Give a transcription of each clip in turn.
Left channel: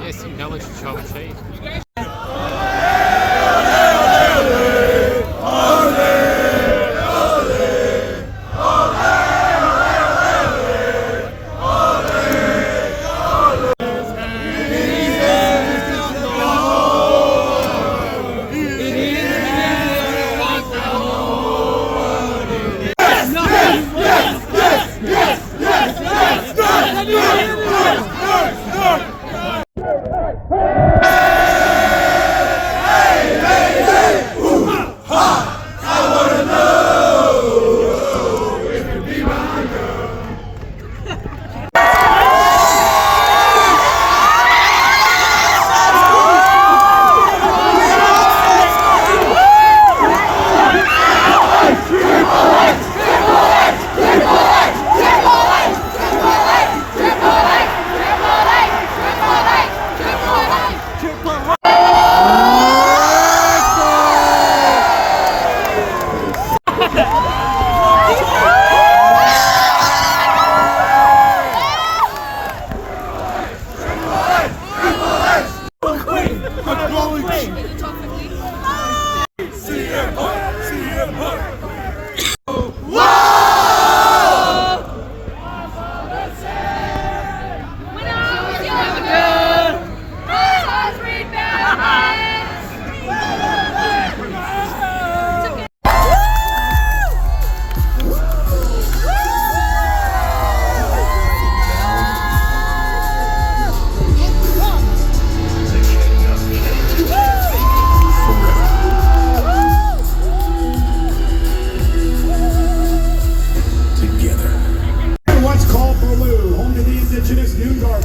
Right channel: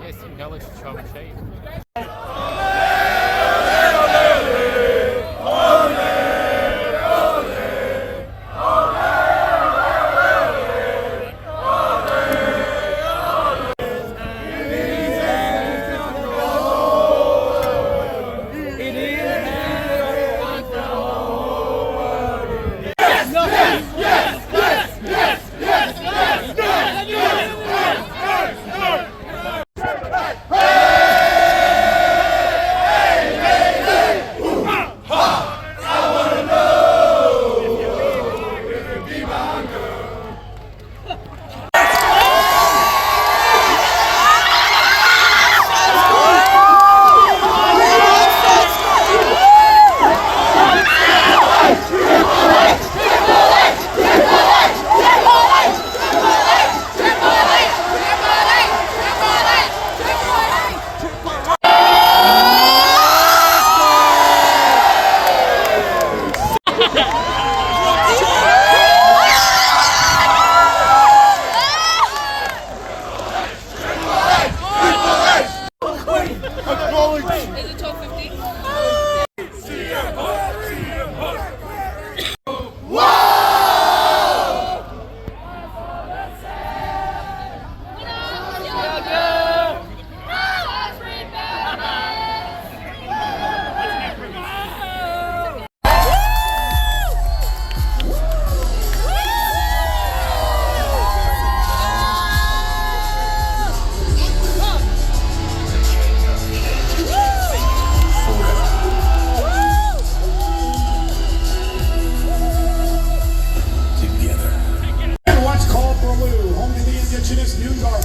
Yes, you know it's trouble cheap.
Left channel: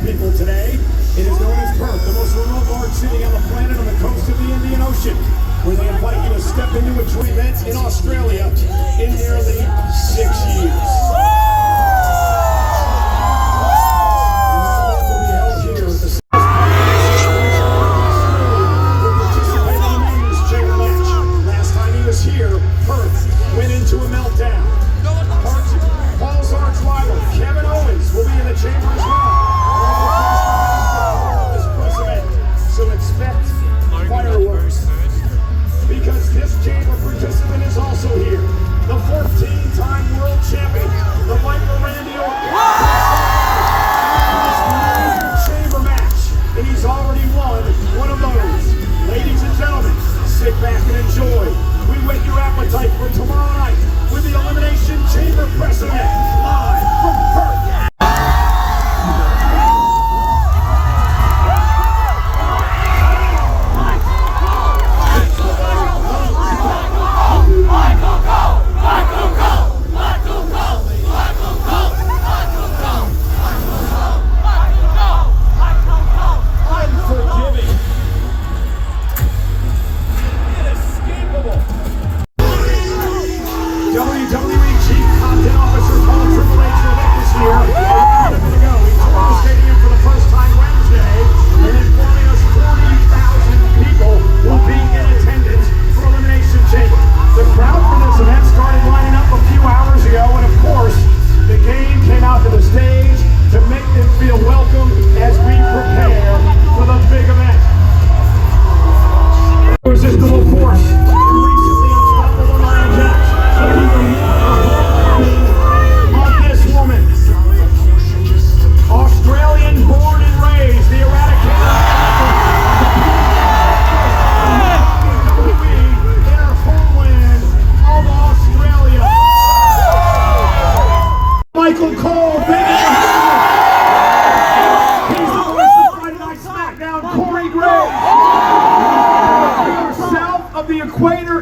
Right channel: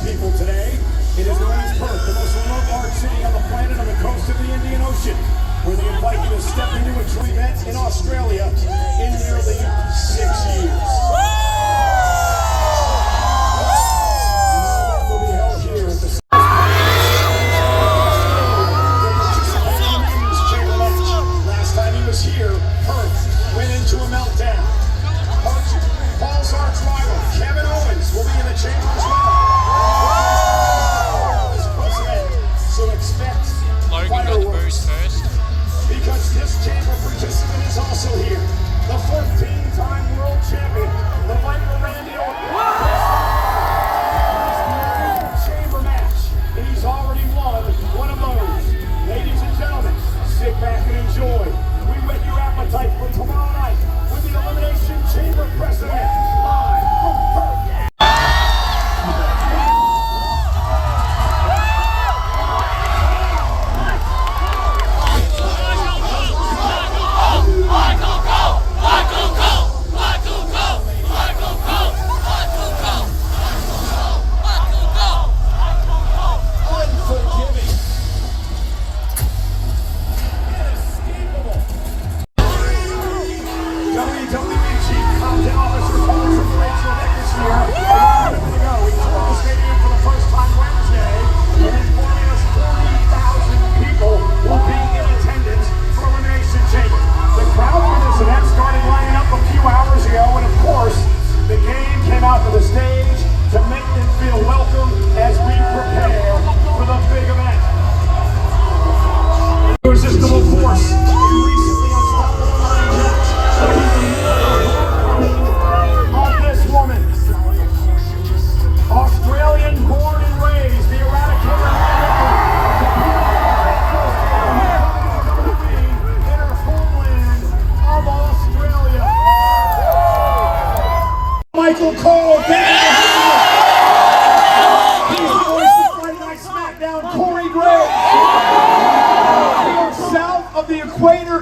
people today. It is known as Perth, the most remote large city on the planet on the coast of the Indian Ocean, where they invite you to step into a dream event in Australia in nearly 6 years. Will be held here at the last time he was here, Perth went into a meltdown. Paul's arch rival, Kevin Owens, will be in the chamber as well. So expect fireworks, because this chamber participant is also here. The 14-time world champion, the Viper Randy Orton. Chamber match, and he's already won one of those. Ladies and gentlemen, sit back and enjoy. We whet your appetite for tomorrow night with the Elimination Chamber President, live from Perth.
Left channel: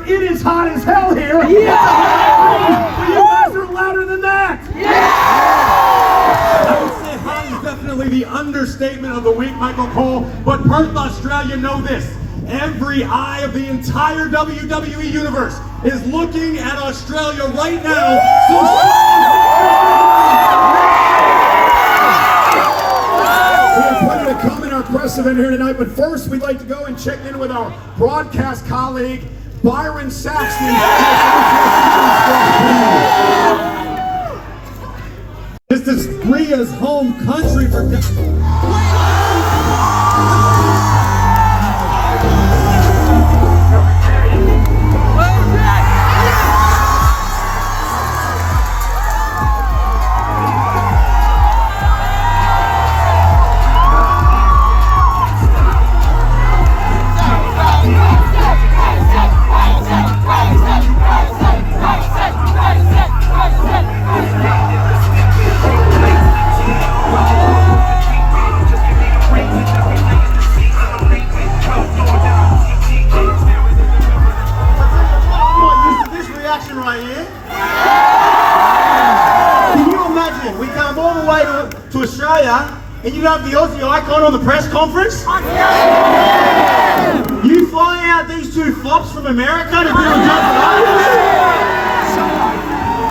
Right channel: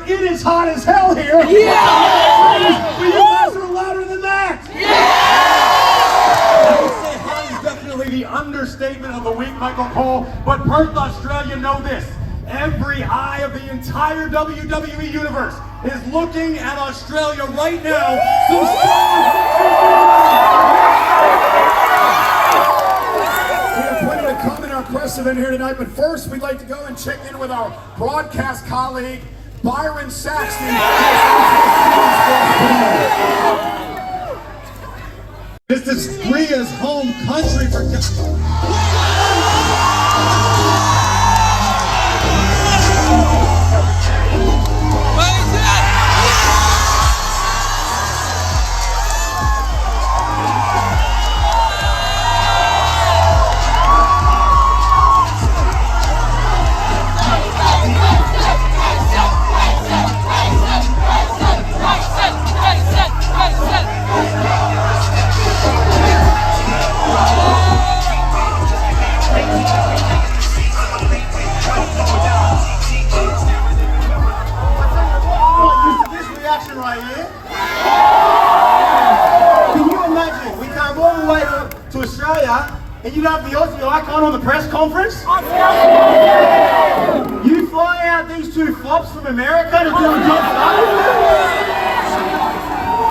It is hot as hell here. Yeah! You guys are louder than that. Yeah! I would say hot is definitely the understatement of the week, Michael Cole. But Perth, Australia, know this. Every eye of the entire WWE universe is looking at Australia right now. So we have plenty to come in our press event here tonight, but first we'd like to go and check in with our broadcast colleague, Byron Saxton. This is Rhea's home country for... right here. Can you imagine? We come all the way to Australia and you have the Aussie icon on the press conference? You fly out these two flops from America to do a job for us?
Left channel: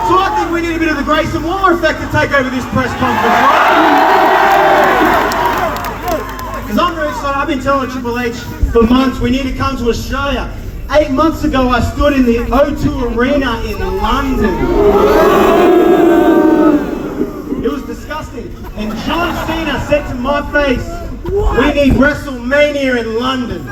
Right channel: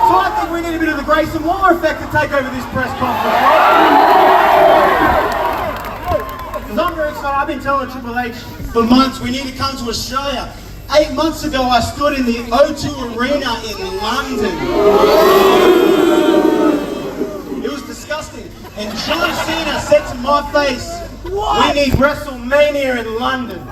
So I think we need a bit of the Grayson Waller effect to take over this press conference, right? Because I'm very excited. I've been telling Triple H for months we need to come to Australia. 8 months ago, I stood in the O2 Arena in London. It was disgusting. And John Cena said to my face, "We need WrestleMania in London."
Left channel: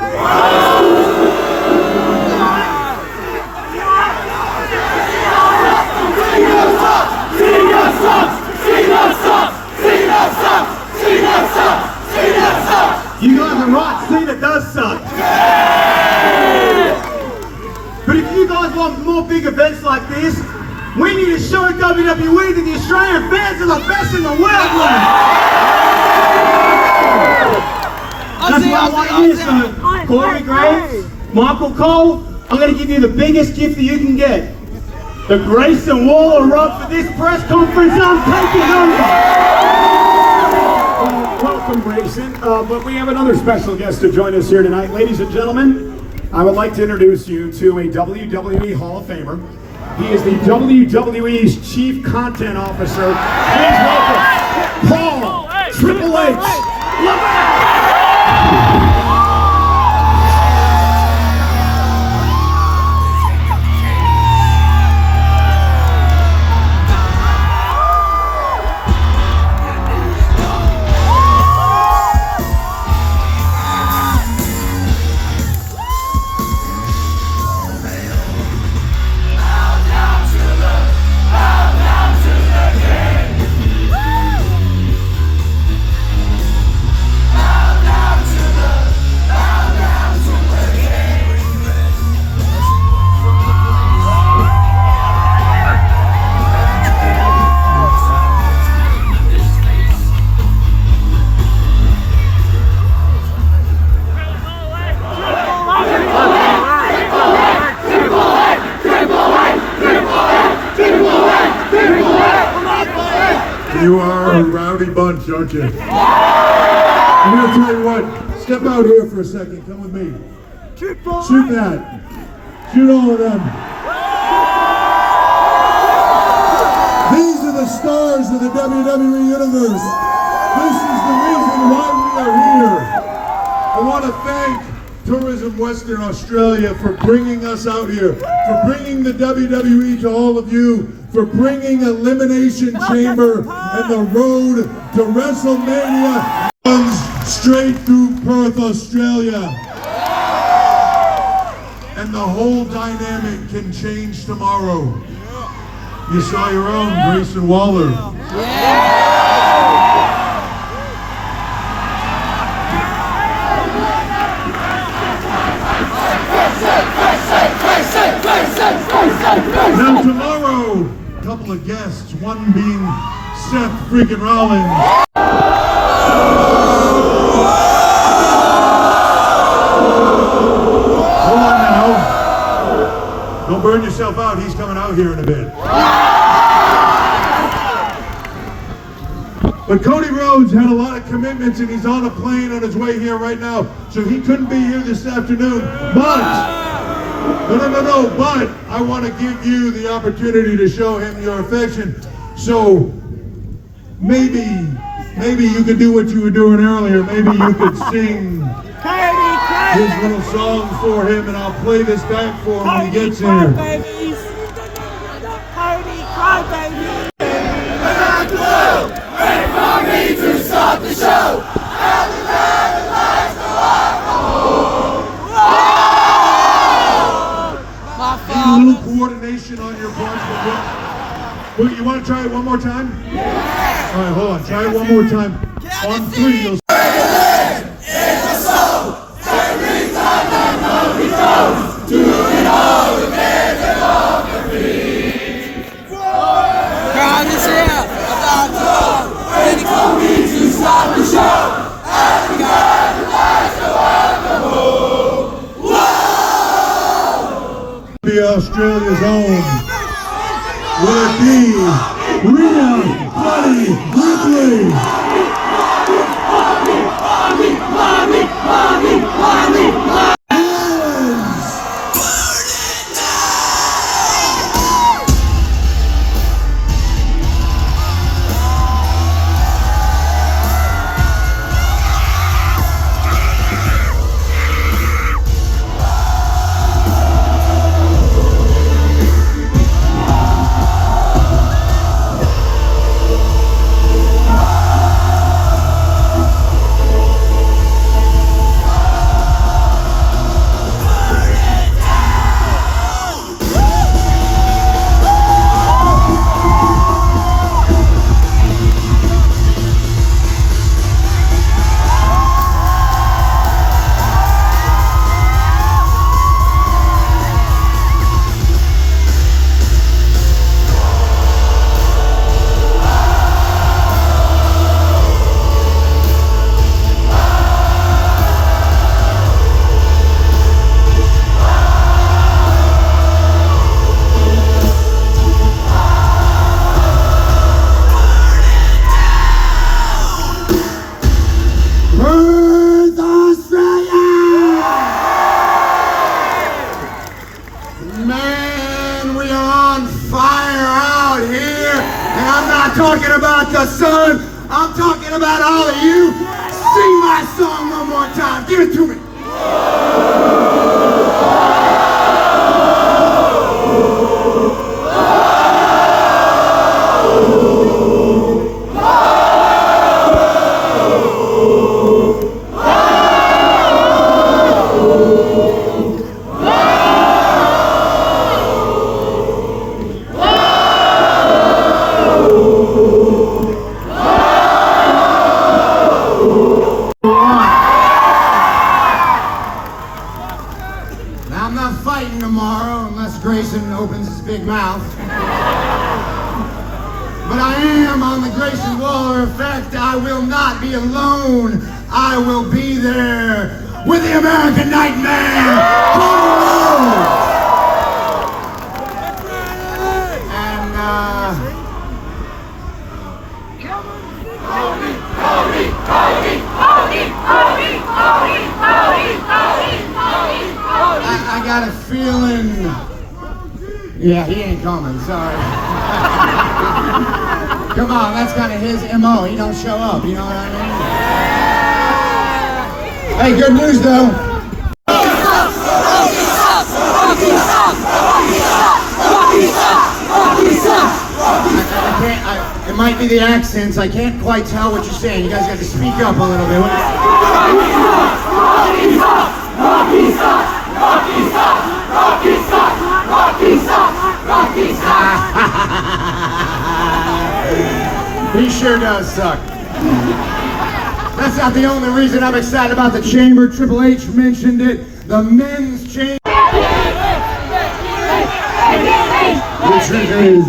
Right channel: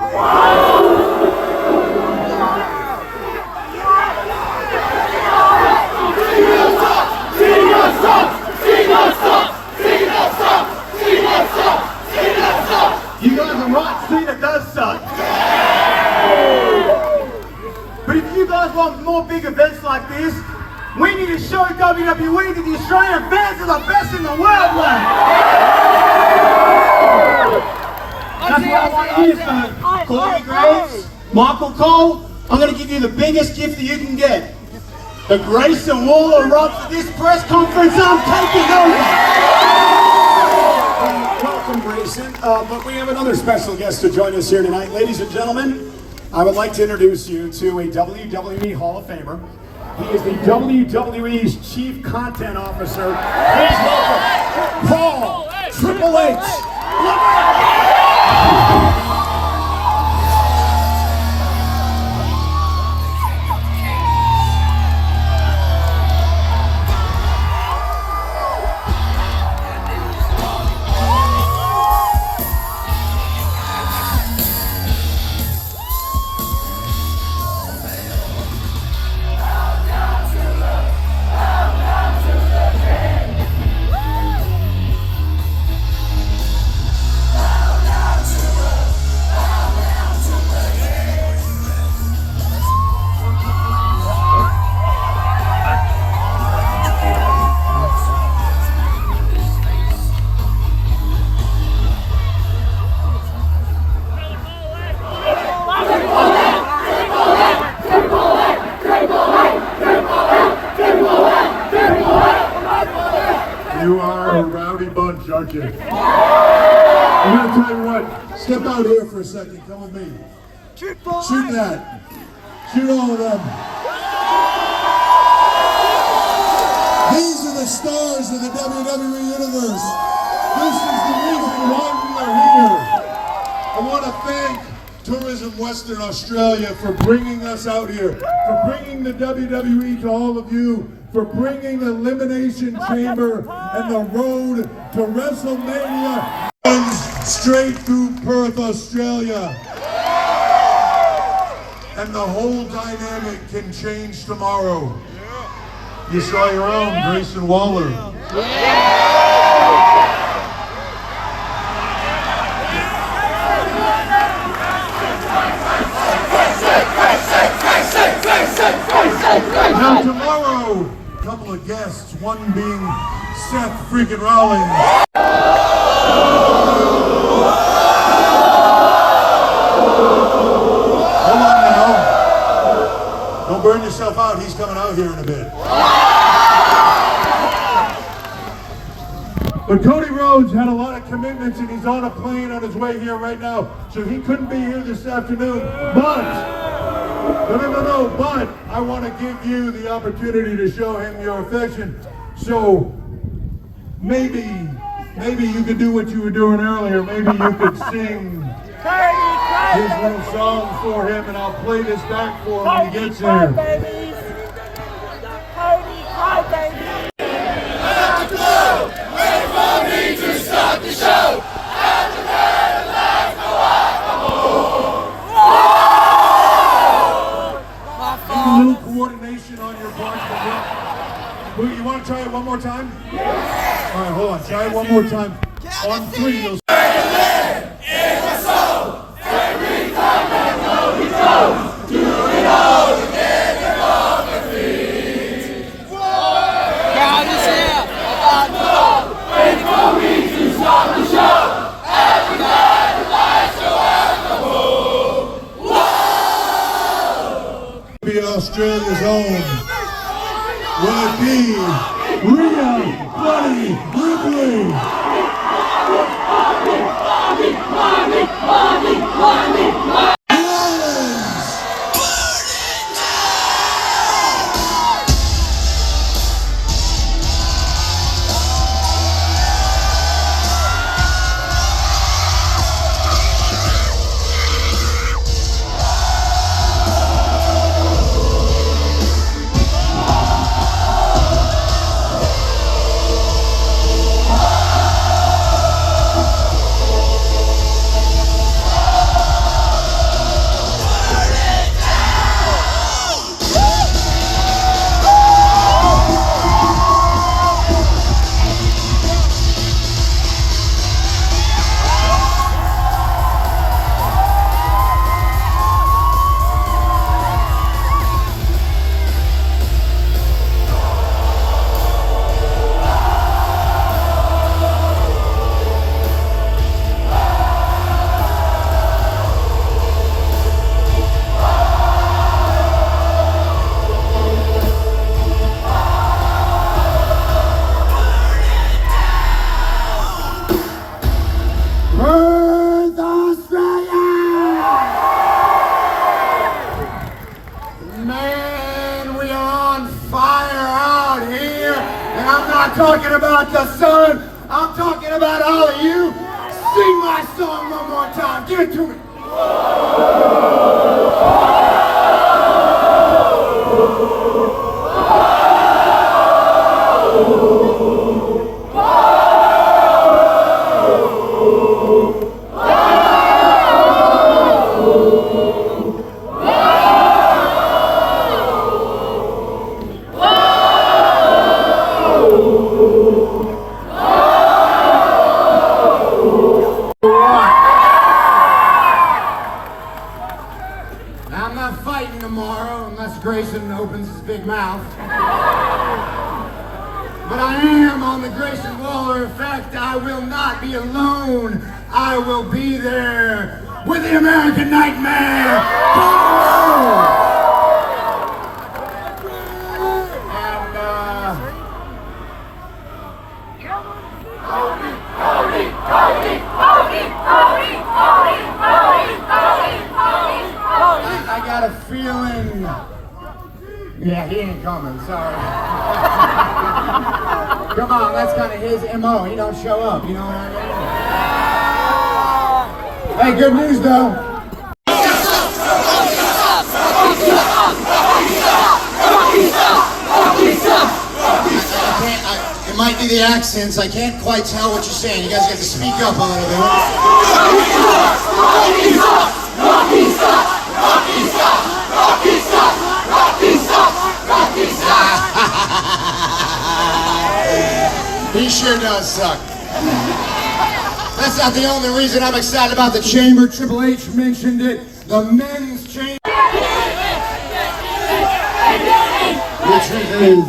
You guys are right, Cena does suck. But if you guys want more big events like this, we need to show WWE that the Australian fans are the best in the world, man. That's why I want you to, Corey Graves, Michael Cole, I'm going to give you the biggest gift that you can get. The Grayson Waller rub for this press conference. I'm taking over. Welcome, Grayson. But we have another special guest to join us here tonight. Ladies and gentlemen, I would like to introduce you to a WWE Hall of Famer. He is the WWE's Chief Content Officer. Please welcome Paul Triple H Lerae. You are a rowdy bunch, aren't you? I'm going to tell you what. Step out here for a second. Come with me. Shoot that. Shoot all of them. These are the stars of the WWE Universe. This is the reason why we are here. I want to thank Tourism Western Australia for bringing us out here, for bringing the WWE to all of you, for bringing Elimination Chamber and the road to WrestleMania runs straight through Perth, Australia. And the whole dynamic can change tomorrow. You saw your own, Grayson Waller. Now tomorrow, a couple of guests, one being Seth freaking Rollins. Hold on now. Don't burn yourself out, he's coming out here in a bit. But Cody Rhodes had a lot of of commitments and he's on a plane on his way here right now, so he couldn't be here this afternoon. But, but I want to give you the opportunity to show him your affection. So maybe you could do what you were doing earlier. Maybe you could sing his little songs for him, and I'll play this back for him when he gets here. Cry, baby. Wait for me to start the show. A little coordination on your part. You want to try it one more time? Yeah. All right, hold on. Try it one more time. On 3, you'll. Do it all again above the feet. Crowd is here. About to go. Waiting for me to start the show. Every lights go out the whoa. Be Australia's own. Will it be Rhea Ripley? Perth, Australia! Man, we are on fire out here. And I'm not talking about the sun. I'm talking about all of you. Sing my song one more time. Give it to me. I'm not fighting tomorrow unless Grayson opens his big mouth. But I am on the Grayson Waller effect. I will not be alone. I will be there with the American Nightmare. I got a feeling. Yeah, he ain't coming, sorry. Come on, that's kind of his MO. He don't show up, you know what I mean? Hey, good news though. It might be the accents. I can't quite tell what you're saying. You guys got to speak up a little bit. He sure does suck. That's not the only reason I'm excited about the chamber. Triple H mentioned it. The men's chamber. The truth is,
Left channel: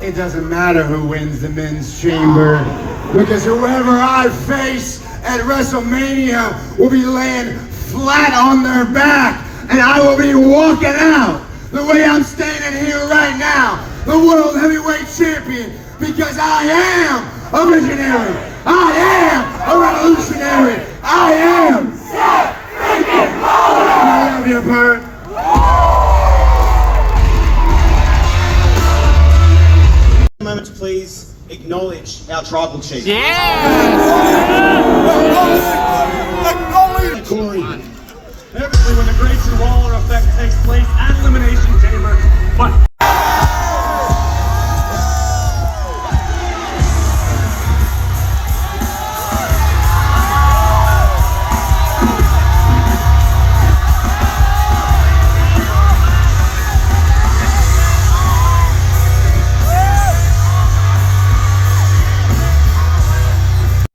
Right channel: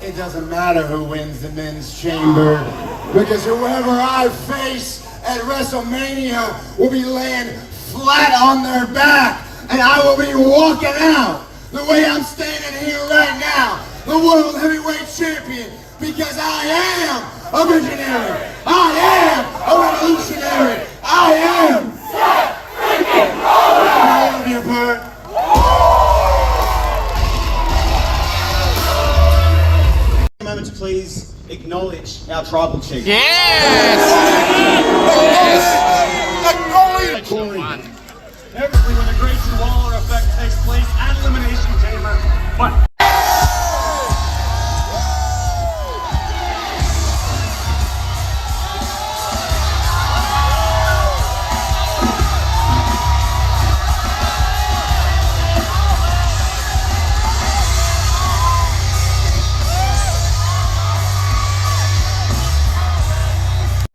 it doesn't matter who wins the men's chamber, because whoever I face at WrestleMania will be laying flat on their back, and I will be walking out the way I'm standing here right now, the World Heavyweight Champion, because I am a visionary. I am a revolutionary. I am Seth freaking Rollins. I love you, Perth. Moment to please acknowledge our tribal chief. Yes! Corey. Every when the Grayson Waller effect takes place at Elimination Chamber, but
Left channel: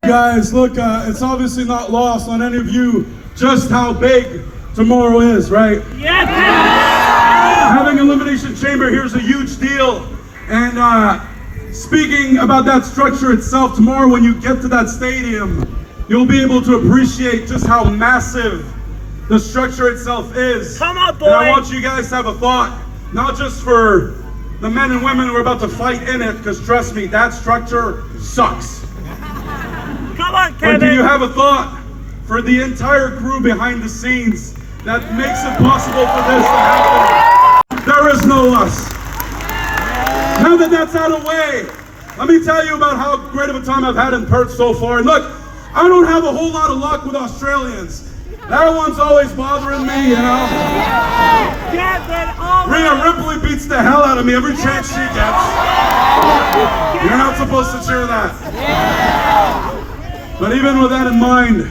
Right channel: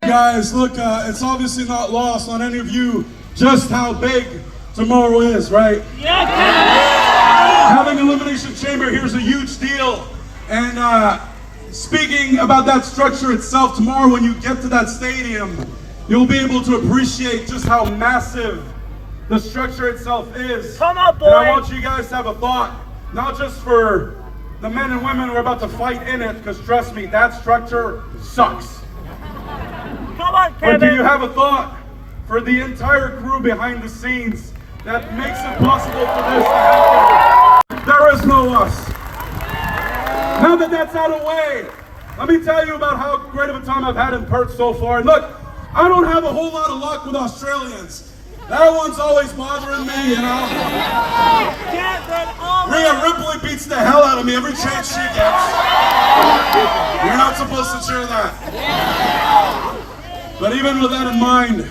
Guys, look, it's obviously not lost on any of you just how big tomorrow is, right? yes! Having Elimination Chamber here is a huge deal. And speaking about that structure itself, tomorrow when you get to that stadium, you'll be able to appreciate just how massive the structure itself is. Come on, boy! And I want you guys to have a thought, not just for the men and women who are about to fight in it, because trust me, that structure sucks. Come on, Kevin! But do you have a thought for the entire crew behind the scenes that makes it possible for this to happen? There is no us. Now that that's out of the way, let me tell you about how great of a time I've had in Perth so far. And look, I don't have a whole lot of luck with Australians. That one's always bothering me, you know? Rhea Ripley beats the hell out of me every chance she gets. You're not supposed to cheer that. But even with that in mind,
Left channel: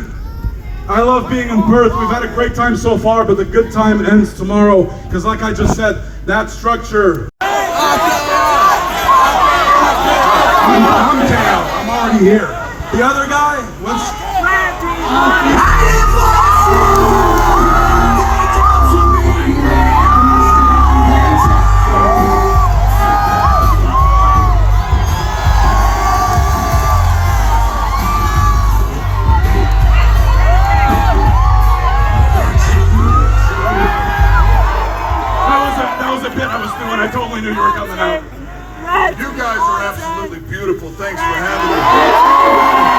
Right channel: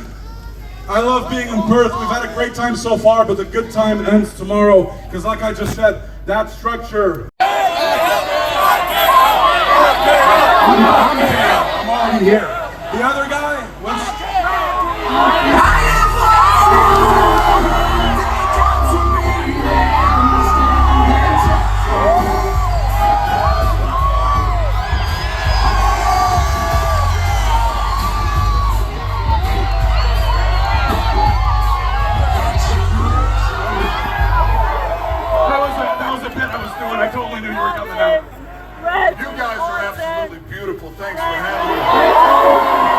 I love being in Perth. We've had a great time so far, but the good time ends tomorrow. Because like I just said, that structure... I'm down. I'm already here. The other guy, what's... I totally knew you were coming out. You guys are absolutely beautiful. Thanks for having me.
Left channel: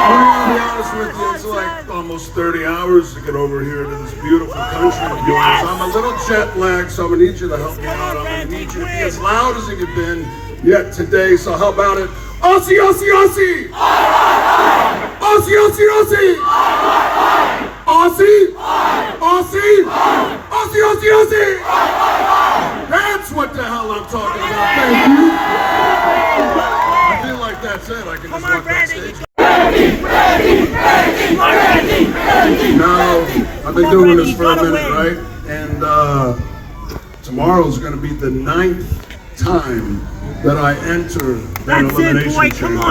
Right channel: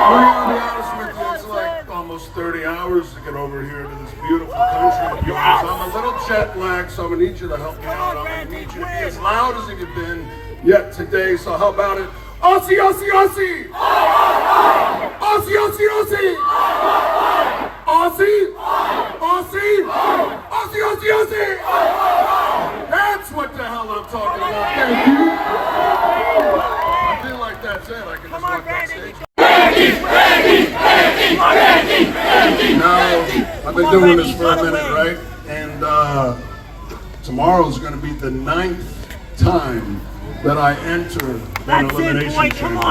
I'm gonna be honest with you, it's like almost 30 hours to get over here to this beautiful country of yours. I'm a little jet lagged, so I'm gonna need you to help me out. I'm gonna need you to be as loud as you've been yet today. So how about it? Aussie, Aussie, Aussie! Aussie, Aussie, Aussie! Aussie! Aussie! Aussie, Aussie, Aussie! That's what the hell I'm talking about. Thank you. I feel like that's it. I can just walk backstage. Now, I've been doing this for a minute, right? And tomorrow's going to be the 9th time that I enter that elimination chamber.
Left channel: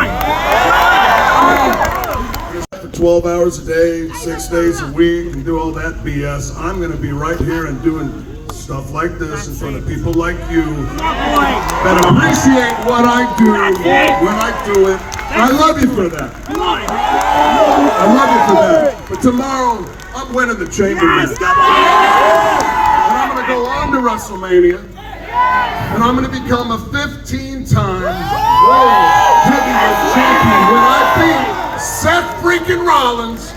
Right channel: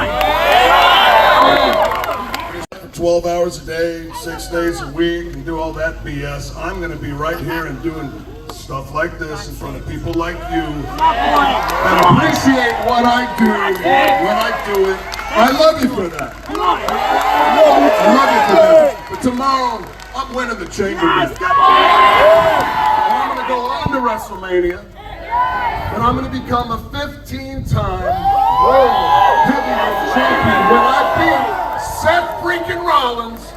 For 12 hours a day, 6 days a week, and do all that BS. I'm going to be right here and doing stuff like this in front of people like you that appreciate what I do when I do it. I love you for that. I love you for that. But tomorrow, I'm winning the chamber match. And I'm going to go on to WrestleMania. And I'm going to become a 15-time World Heavyweight Champion when I beat Seth freaking Rollins.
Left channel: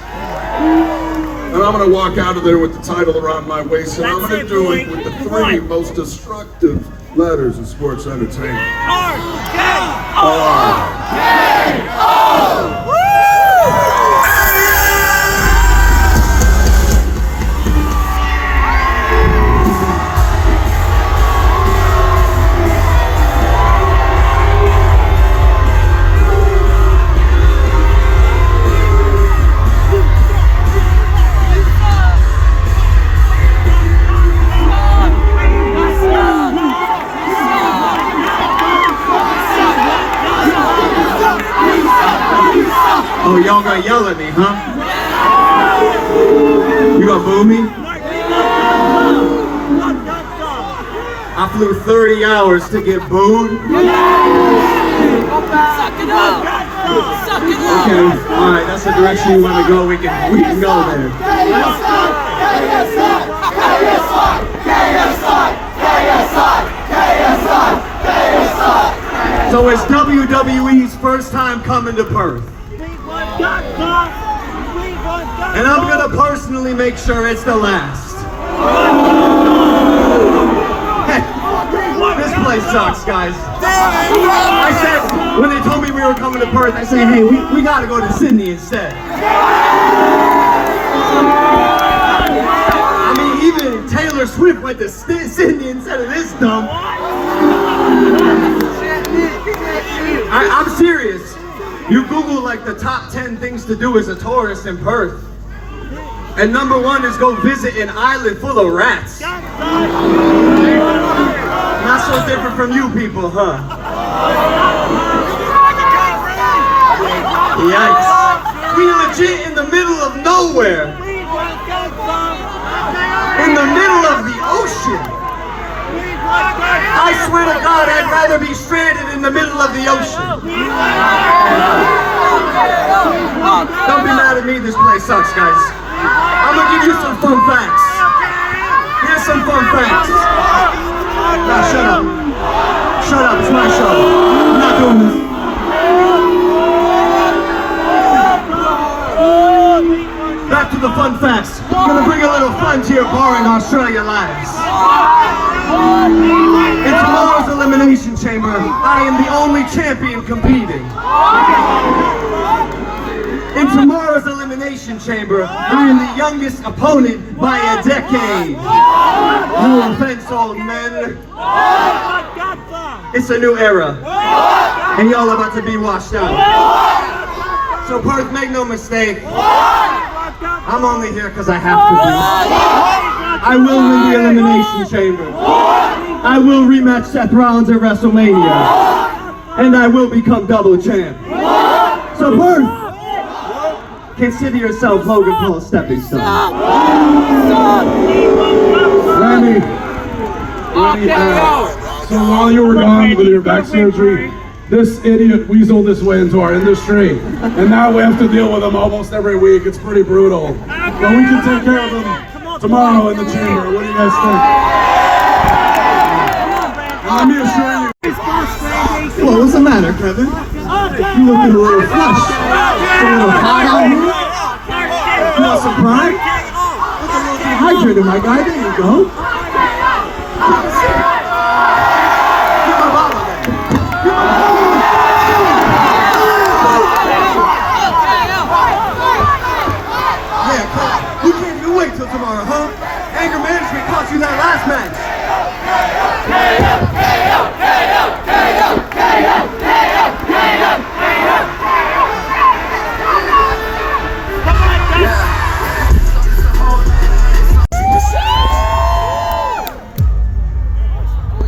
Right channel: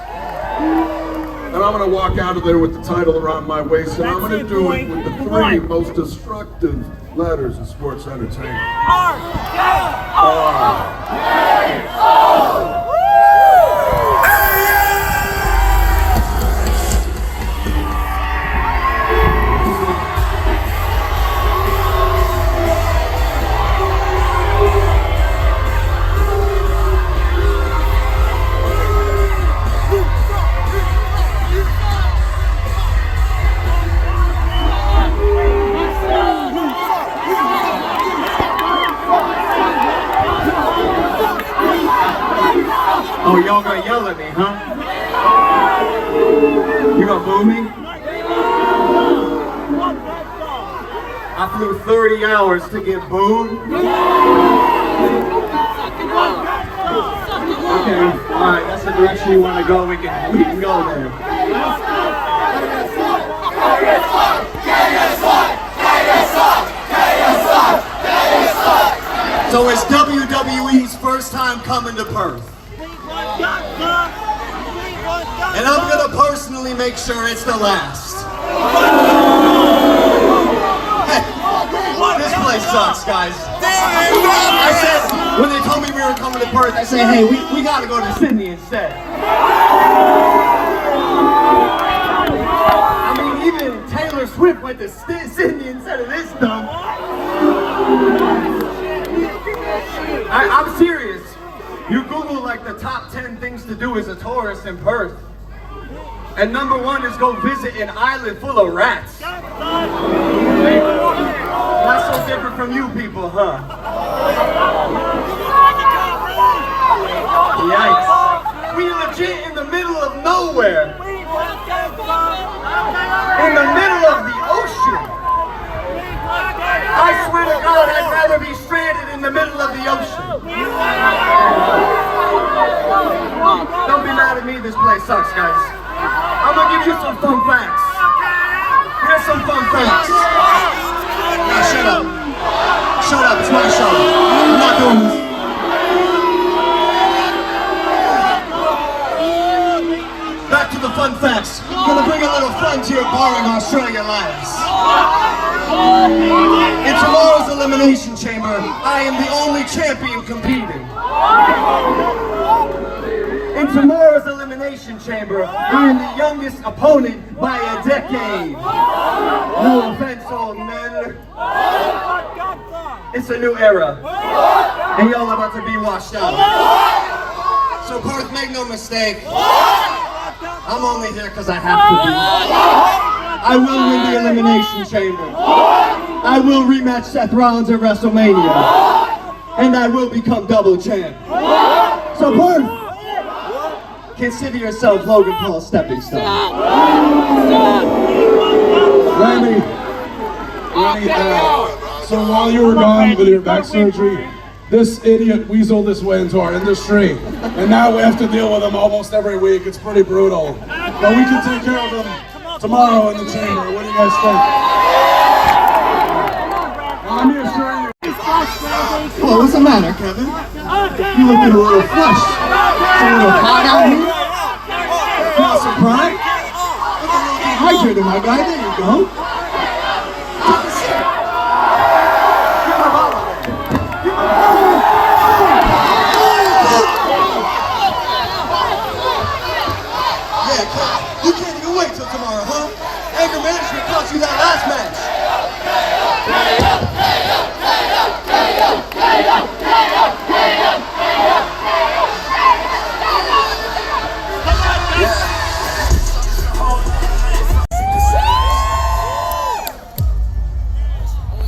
And I'm going to walk out of there with the title around my waist, and I'm going to do it with the 3 most destructive letters in sports entertainment. R-K-O! Oh, y'all gonna yell at me, huh? You gonna boo me? I flew 30 hours to get booed. Okay, all right, that's the direction you want to go. We can go there. So it's WWE's first time coming to Perth. And I'm gonna personally make sure it's the last. This place sucks, guys. I said, when they told me we were coming to Perth, I said, hey, we gotta go to Sydney instead. I mean, even Taylor Swift went to Sydney instead of this dump. I'm serious. You Google like the top 10 things to do as a tourist in Perth. And number 1 is go visit an island full of rats. Not so different from you people, huh? Yikes. We legit in the middle of nowhere. In the middle of the ocean. I swear to God, I'd rather be stranded in the middle of the ocean. Don't be mad at me, this place sucks, guys. I'm gonna give you some fun facts. Here's some fun facts. Now shut up. Shut up, it's my show. I'm not doing this. Back to the fun facts. I'm gonna bring a little fun to your boring Australia lives. In tomorrow's Elimination Chamber, I am the only champion competing. In tomorrow's Elimination Chamber, I am the youngest opponent by a decade. No offense, old men. It's a new era. And y'all are about to be washed out. So Perth, make no mistake. I'm only here because I have to be. I will win the Elimination Chamber. I will rematch Seth Rollins at WrestleMania. And I will become double champ. So Perth, consider yourself Logan Paul's stepping stone. Randy, so while you were gone with your back surgery, this idiot weaseled his way into our industry, and now we have to deal with him almost every week. It's pretty brutal. But we can take care of him tomorrow in the chamber. What do you guys think? And let me assure you. Well, what's the matter, Kevin? You looking a little flushed. It's a little hot out here. You want some prime? Look a little dehydrated, my guy. There you go. Take a sip. Get my bottle there. Get my bottle. Yeah, you can't even wait till tomorrow, huh? Anger management cost you that last match.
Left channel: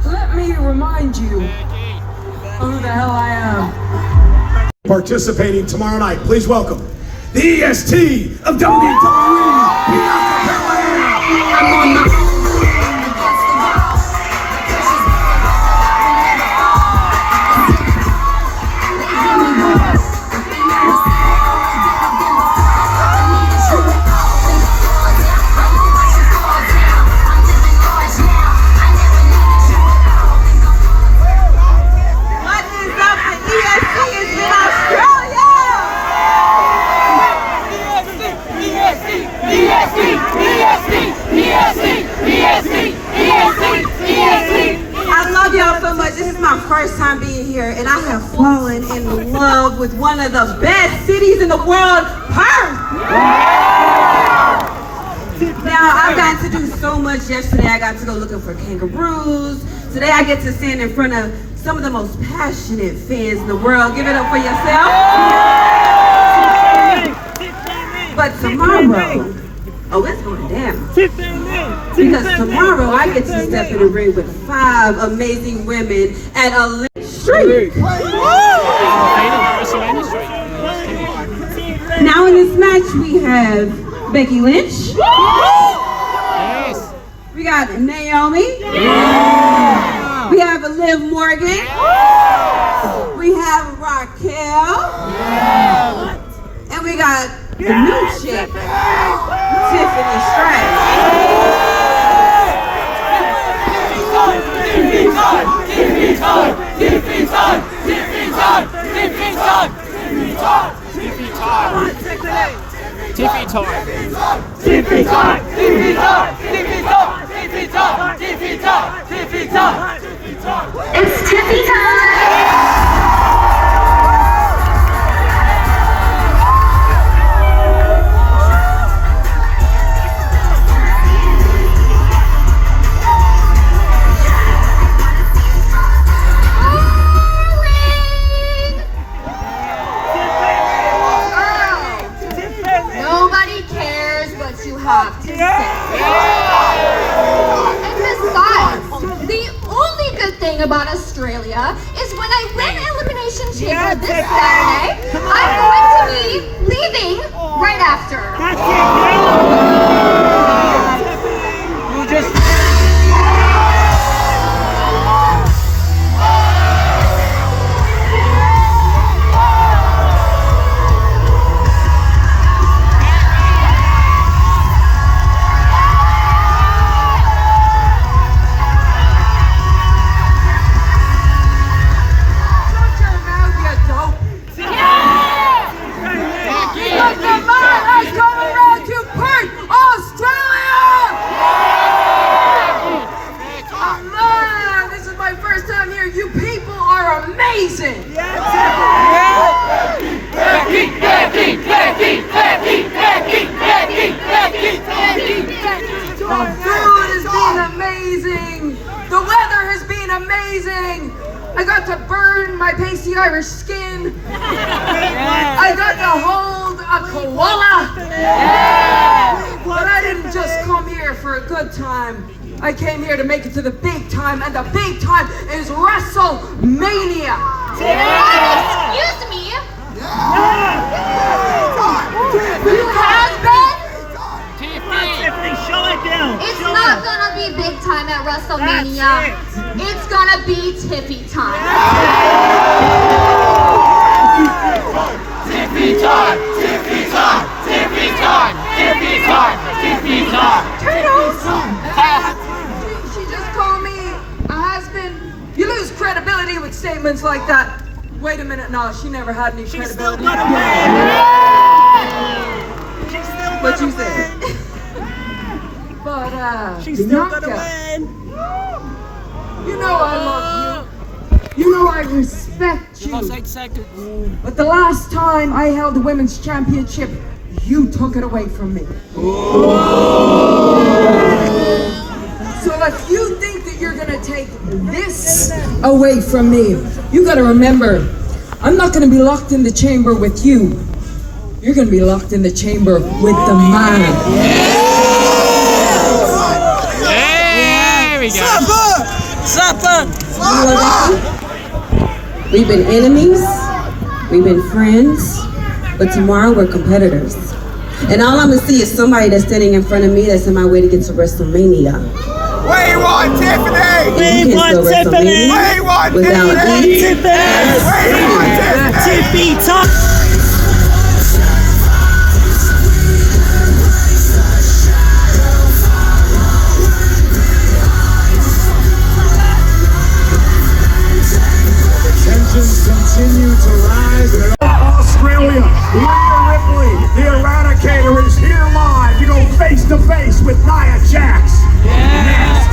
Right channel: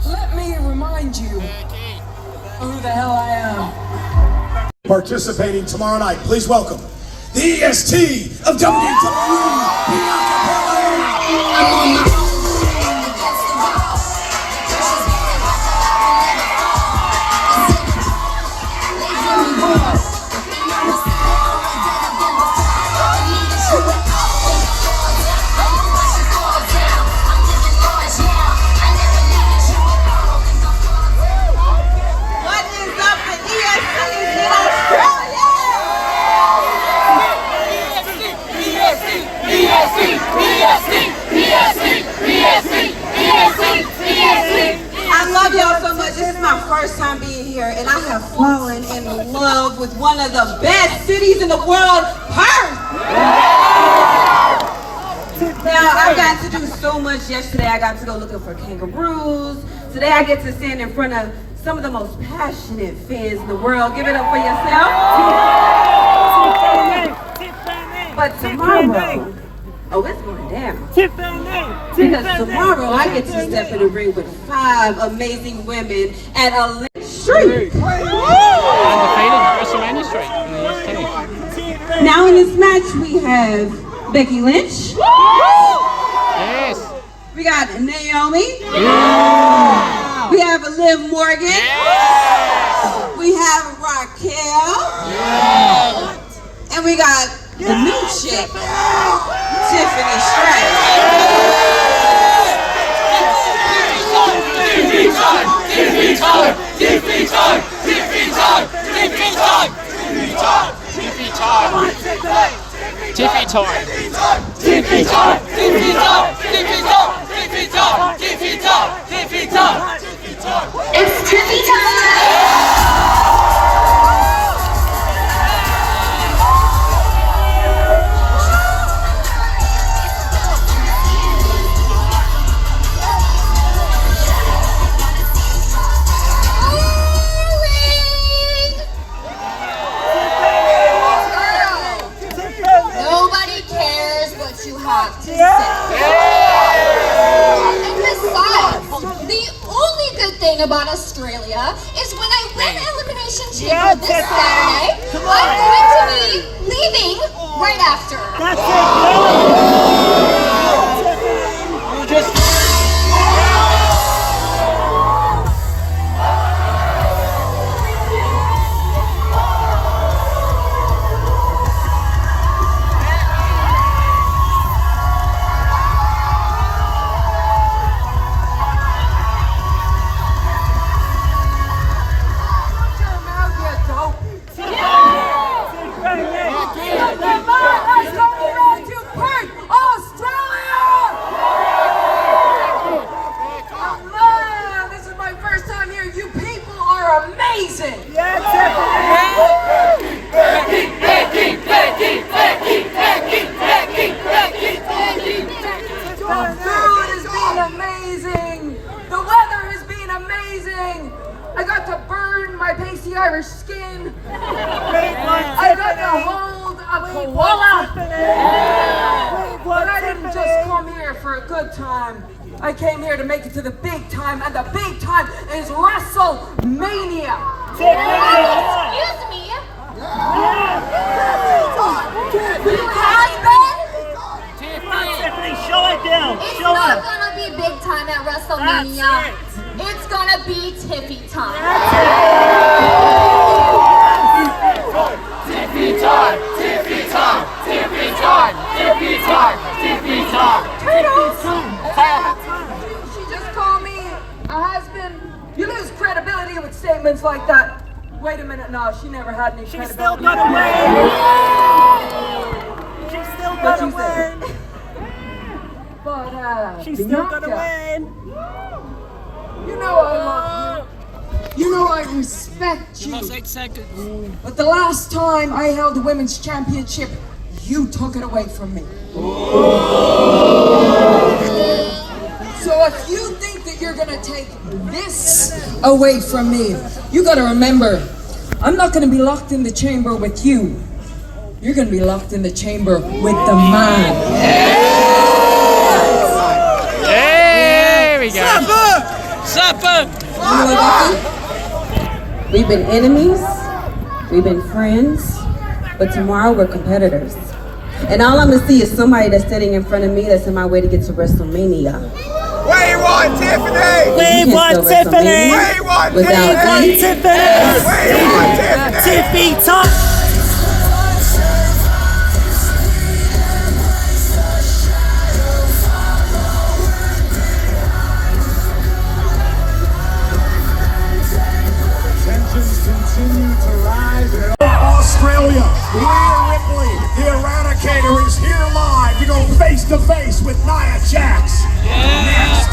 Let me remind you of who the hell I am. Participating tomorrow night, please welcome the EST of WWE, Bianca Belair. I'm on the I love y'all so much. This is my first time being here, and I have fallen in love with one of the best cities in the world, Perth. Now, I've got to do so much yesterday. I got to go looking for kangaroos. Today, I get to stand in front of some of the most passionate fans in the world. Give it up for yourself. But tomorrow, oh, it's going down. Because tomorrow I get to step in the ring with 5 amazing women at a street. Undefeated WrestleMania streak in the EST. Now in this match we have Becky Lynch. Yes. We got Naomi. Yeah. We have Liv Morgan. Yes. We have Raquel. Yes. And we got the new chick, Tiffany Stratton. Give me time! Give me time! Give me time! time. Tiffy time. Tiffy time. Tiffy time. Tiffy time. Tiffy time. Tiffy time. Tiffy time. Tiffy time. It's Tiffy time. Nobody cares what you have to say. And besides, the only good thing about Australia is when I win Elimination Chamber this Saturday, I'm going to be leaving right after. The food has been amazing. The weather has been amazing. I got to burn my pasty Irish skin. I got to hold a koala. But I didn't just come here for a good time. I came here to make it to the big time, and the big time is WrestleMania. Excuse me. You has been? Tiffany, show it down. It's not gonna be big time at WrestleMania. It's gonna be Tiffy time. Tiffy time. Tiffy time. Tiffy time. Tiffy time. Tiffy time. Turtles! She just called me a husband. You lose credibility with statements like that. Wait a minute, no, she never had any credibility. What you said. But, Bianca, you know I love you. You know I respect you. But the last time I held the women's championship, you took it away from me. So if you think that you're gonna take this away from me, you gotta remember, I'm not gonna be locked in the chamber with you. You're gonna be locked in the chamber with the man. There we go. Supper! You know what, Becky? We've been enemies, we've been friends, but tomorrow we're competitors. And all I'm gonna see is somebody that's standing in front of me that's on my way to get to WrestleMania. What do you want, Tiffany? And you can't spell WrestleMania without Tiffy time. Continue to rise. Australia, Rhea Ripley, the Eradicator, is here live to go face to face with Nia Jax. Next,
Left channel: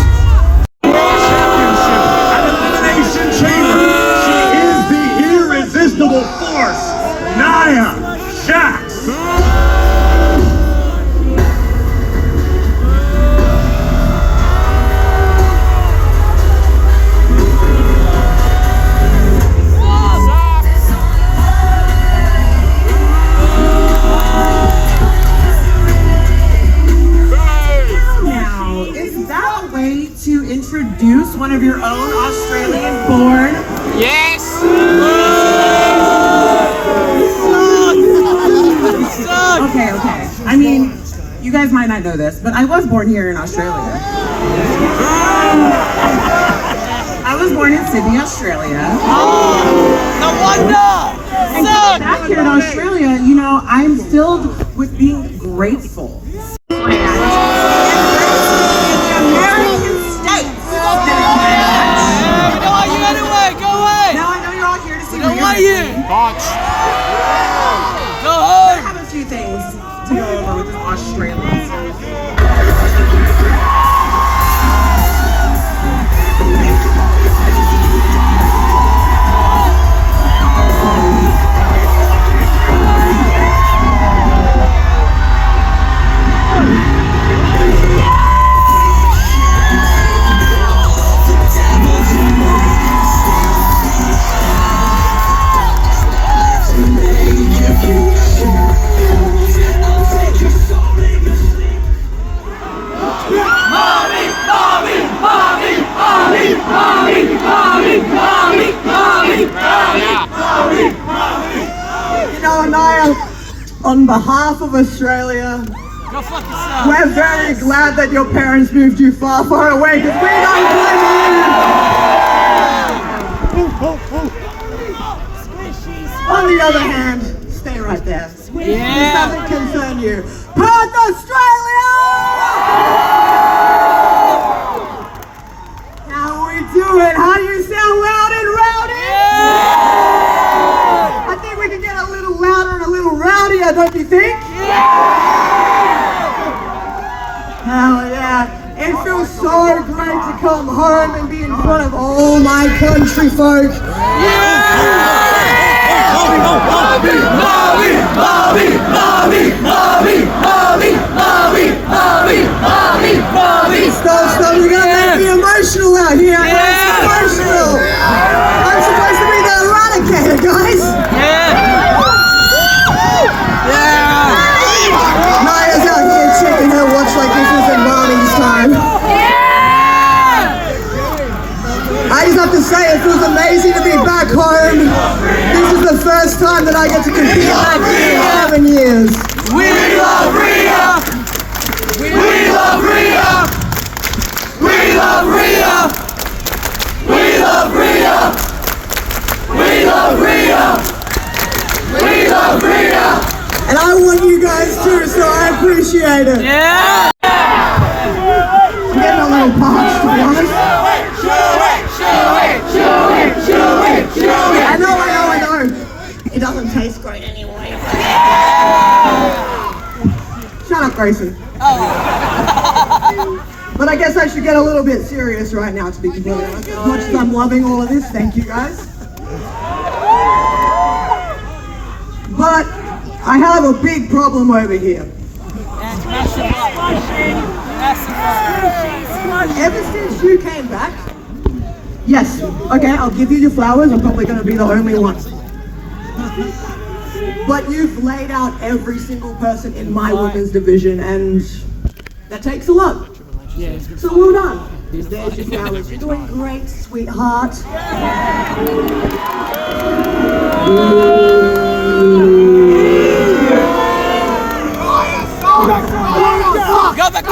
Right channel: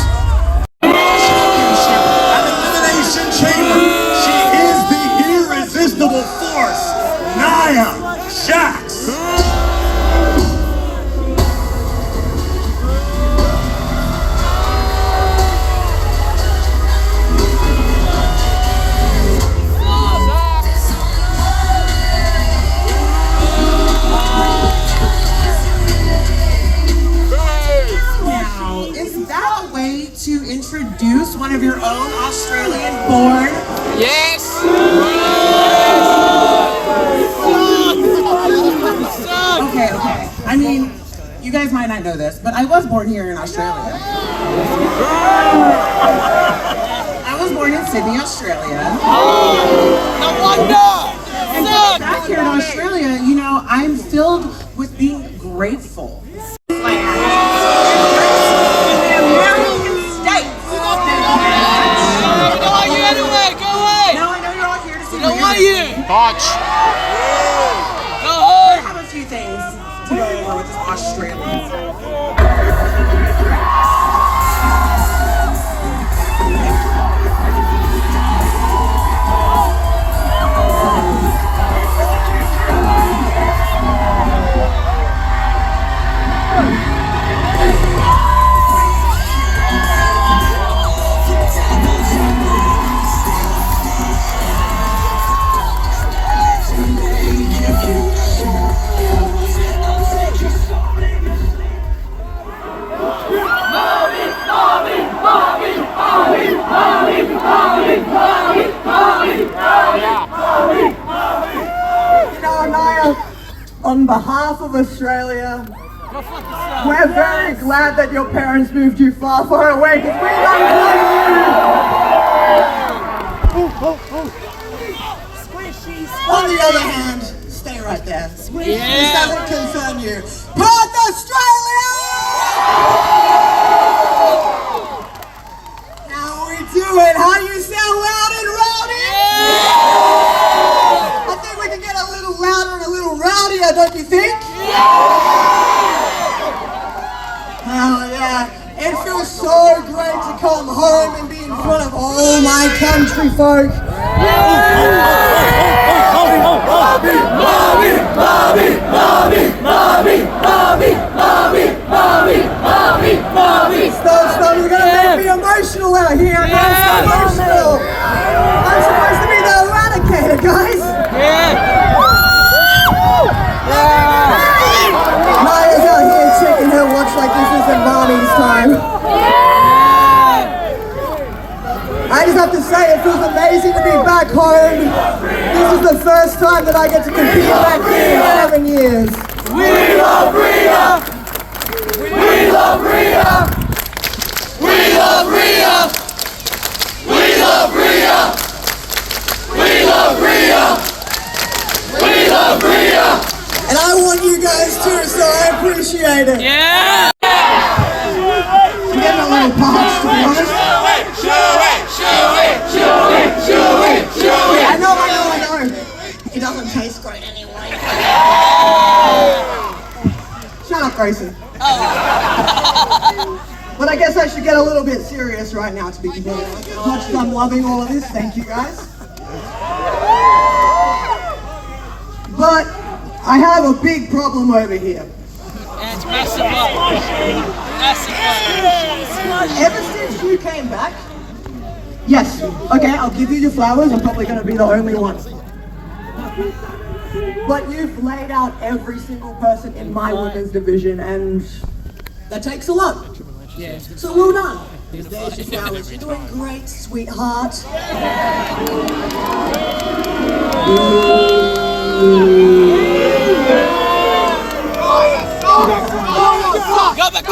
championship at Elimination Chamber. She is the irresistible force, Nia Jax. To introduce one of your own Australian born. Yes. Okay. I mean, you guys might not know this, but I was born here in Australia. I was born in Sydney, Australia. And coming back here in Australia, you know, I'm filled with being grateful. Botch. on behalf of Australia, we're very glad that your parents moved you far, far away because we don't blame you. On the other hand, stay right there. This doesn't concern you. Perth, Australia! How we doing? How you sound loud and rowdy? I think we can get a little louder and a little rowdier, don't you think? Hell yeah. It feels so great to come home and be in front of all my country folk. Stop, you're gonna make me emotional out here. I'm emotional. I'm supposed to be the eradicator, guys. Naya's out here taking her watch like this isn't mommy's time. I just have to say, it feels amazing to be back home. This is the first time that I get to compete back here in 7 years. We love Rhea! We love Rhea! We love Rhea! We love Rhea! We love Rhea! We love Rhea! And I want you guys too, so I appreciate it. Yeah! I'm getting a little parched, to be honest. I know. It doesn't taste great anyway. Shut up, Grayson. But I guess I should get a little bit serious right now, to be completely honest. As much as I'm loving all of this, thank you guys. But I have a big problem over here. Ever since you came back, yes, okay, I'll give you your flowers. I'm probably going to be the only one. But you've laid out every single person in my women's division, and that takes a lot. So well done. There's your flowers. You're doing great, sweetheart. Yo, but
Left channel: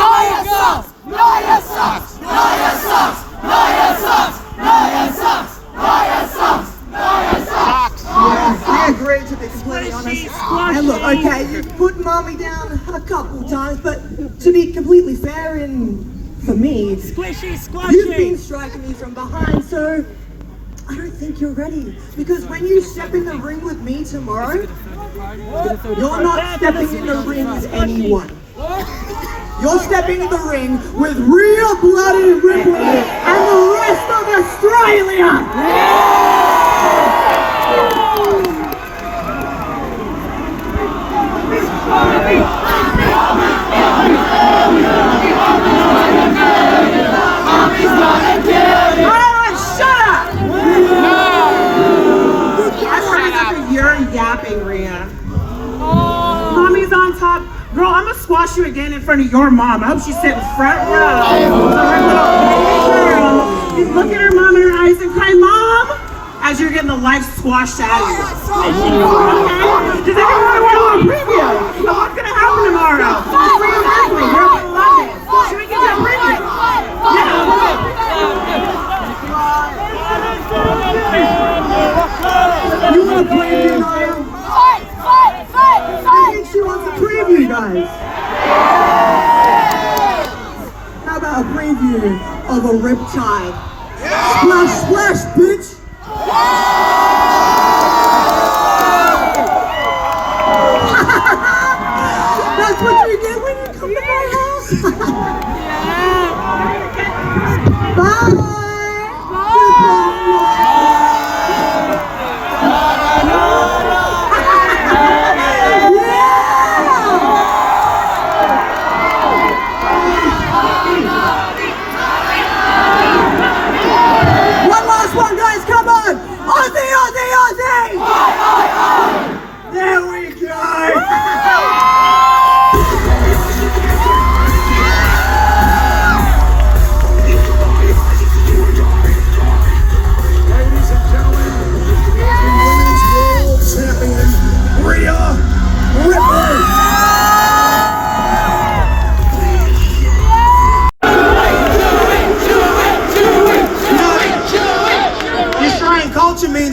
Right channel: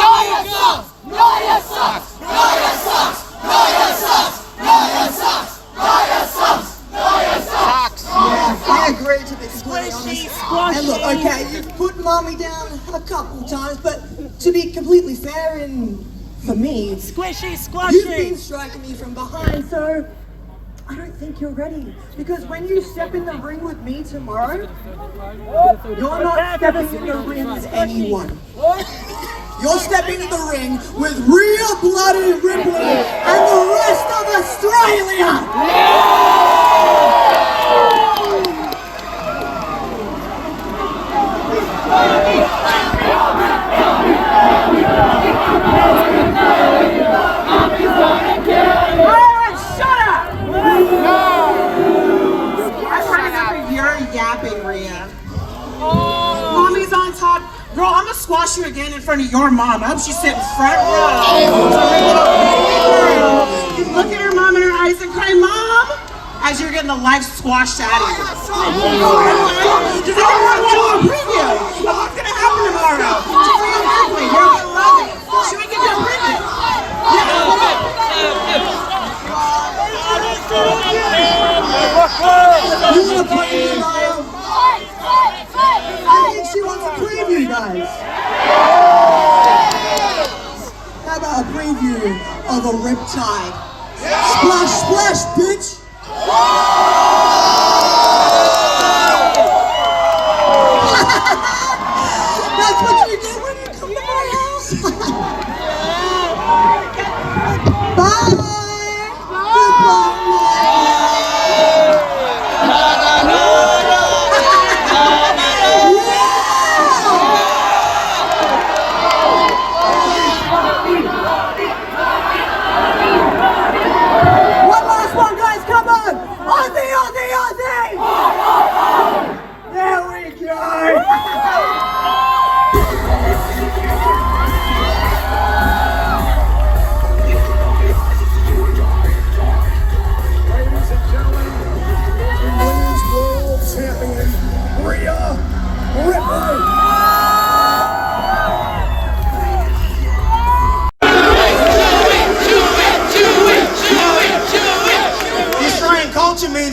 Nia sucks! Nia sucks! Nia sucks! Nia sucks! Nia sucks! Nia sucks! Nia sucks! Yeah, I agree, to be completely honest. And look, okay, you've put mommy down a couple times, but to be completely fair, for me, you've been striking me from behind, so I don't think you're ready. Because when you step in the ring with me tomorrow, you're not stepping in the ring with anyone. You're stepping in the ring with Rhea Bloody Ripley and the rest of Australia! Alright, shut up! No! I'm ready for your yapping, Rhea. Mommy's on top. Girl, I'm gonna squash you again in front of your mom. I hope she's sitting front row. So her little baby girl is looking at her mom in her eyes and crying, Mom! As you're getting the life squashed out of you. Okay? Does anyone want a little preview of what's gonna happen tomorrow? To Rhea Ripley, you're gonna love it. Should we give you a preview? Yeah, You want a preview, Naya? I think she wants a preview, guys. How about a preview of a riptide? Splash, splash, bitch! That's what you get when you come to my house. Bye! Goodbye! One last one, guys, come on! On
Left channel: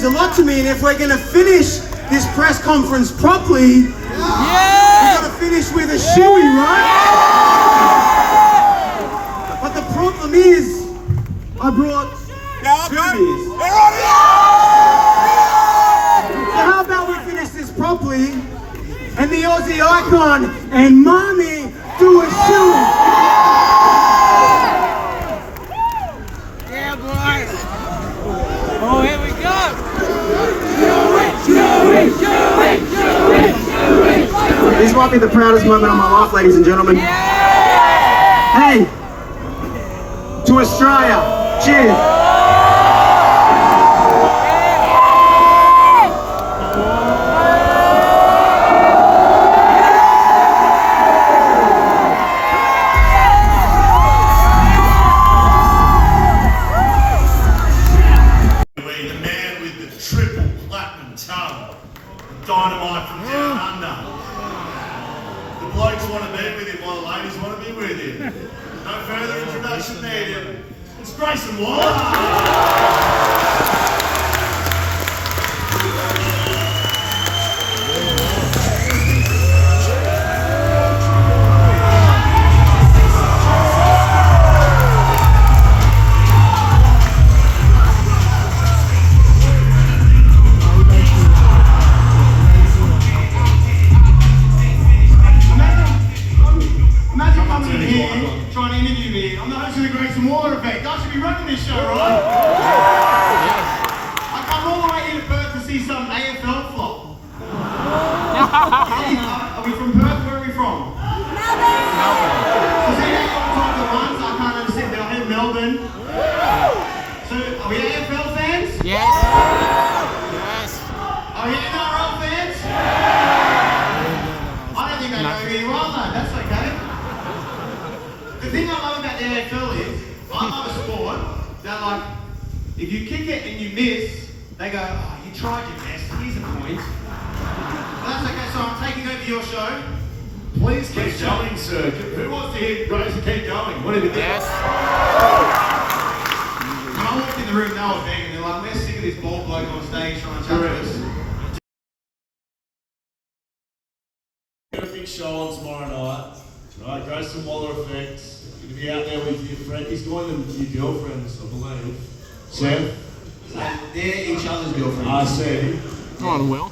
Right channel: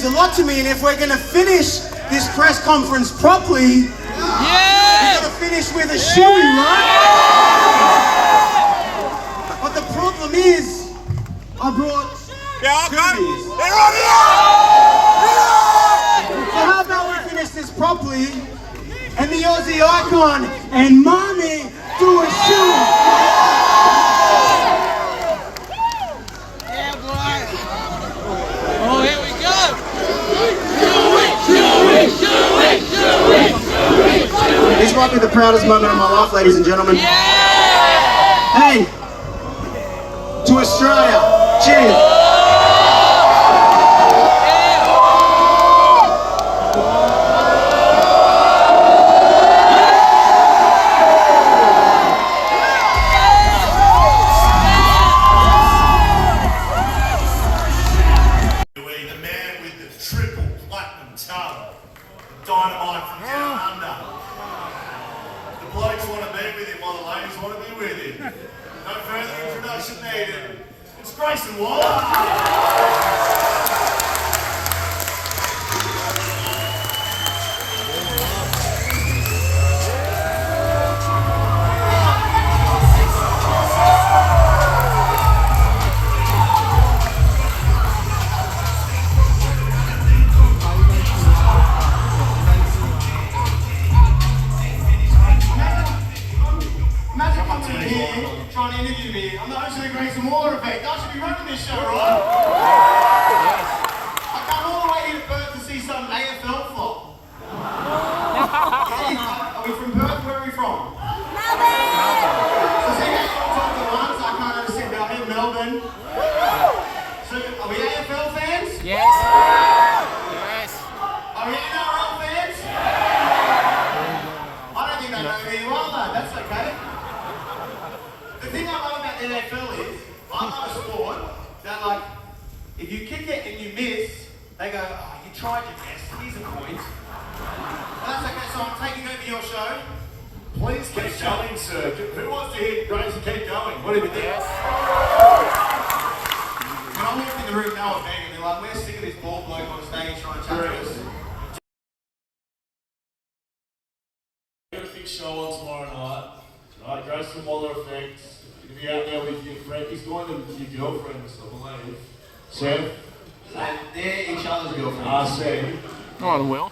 means a lot to me, and if we're going to finish this press conference properly, we've got to finish with a shoey, right? But the problem is, I brought 2 beers. So how about we finish this properly, and the Aussie icon and Mommy do a shoey? Yeah, boy. Oh, here we go. This might be the proudest moment of my life, ladies and gentlemen. Hey, to Australia, cheers. The man with the triple platinum tongue, the dynamite from down under. The blokes want to be with him while the ladies want to be with him. No further introduction needed. It's Grayson Waller. Imagine coming in here, trying to interview me. I'm the host of the Grayson Waller effect. I should be running this show, right? I come all the way here to Perth to see some AFL flop. Are we from Perth? Where are we from? Melbourne. So see that on top of the ones, I can't understand Melbourne. Melbourne. So are we AFL fans? Yes. Yes. Are we NRL fans? I don't think they know who you are, though. That's okay. The thing I love about the AFL is, I love a sport that, like, if you kick it and you miss, they go, oh, you tried your best, here's a point. But that's okay, so I'm taking over your show. Please keep going, sir. Who wants to hear Grayson keep going? What have you done? Yes. When I walked in the room, they were begging me, like, we're sick of this bald bloke on stage trying to chat to us. Got a big show on tomorrow night. Right, Grayson Waller effect. You're gonna be out there with your friend. He's going to your girlfriends, I believe. Seth? They're each other's girlfriends. I see. Go on, Will.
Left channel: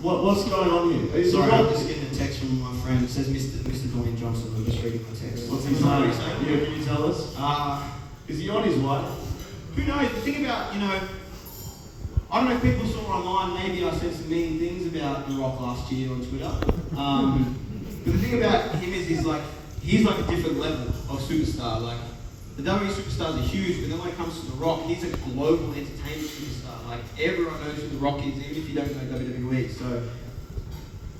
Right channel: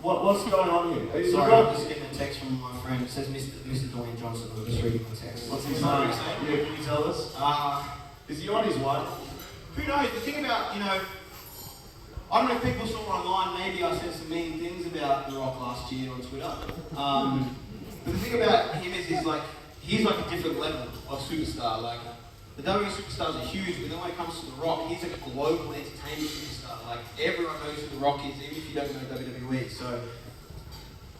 What's going on here? Are you Sorry, got- I'm just getting a text from my friend. It says Mr. Dwayne Johnson. I'm just reading the text. What's his name? Yeah, can you tell us? Is he on his way? Who knows? The thing about, you know, I don't know if people saw online, maybe I said some mean things about The Rock last year on Twitter. But the thing about him is he's like a different level of superstar. Like, the WWE superstars are huge, but then when it comes to The Rock, he's a global entertainment superstar. Like, everyone knows who The Rock is, even if you don't know WWE. So,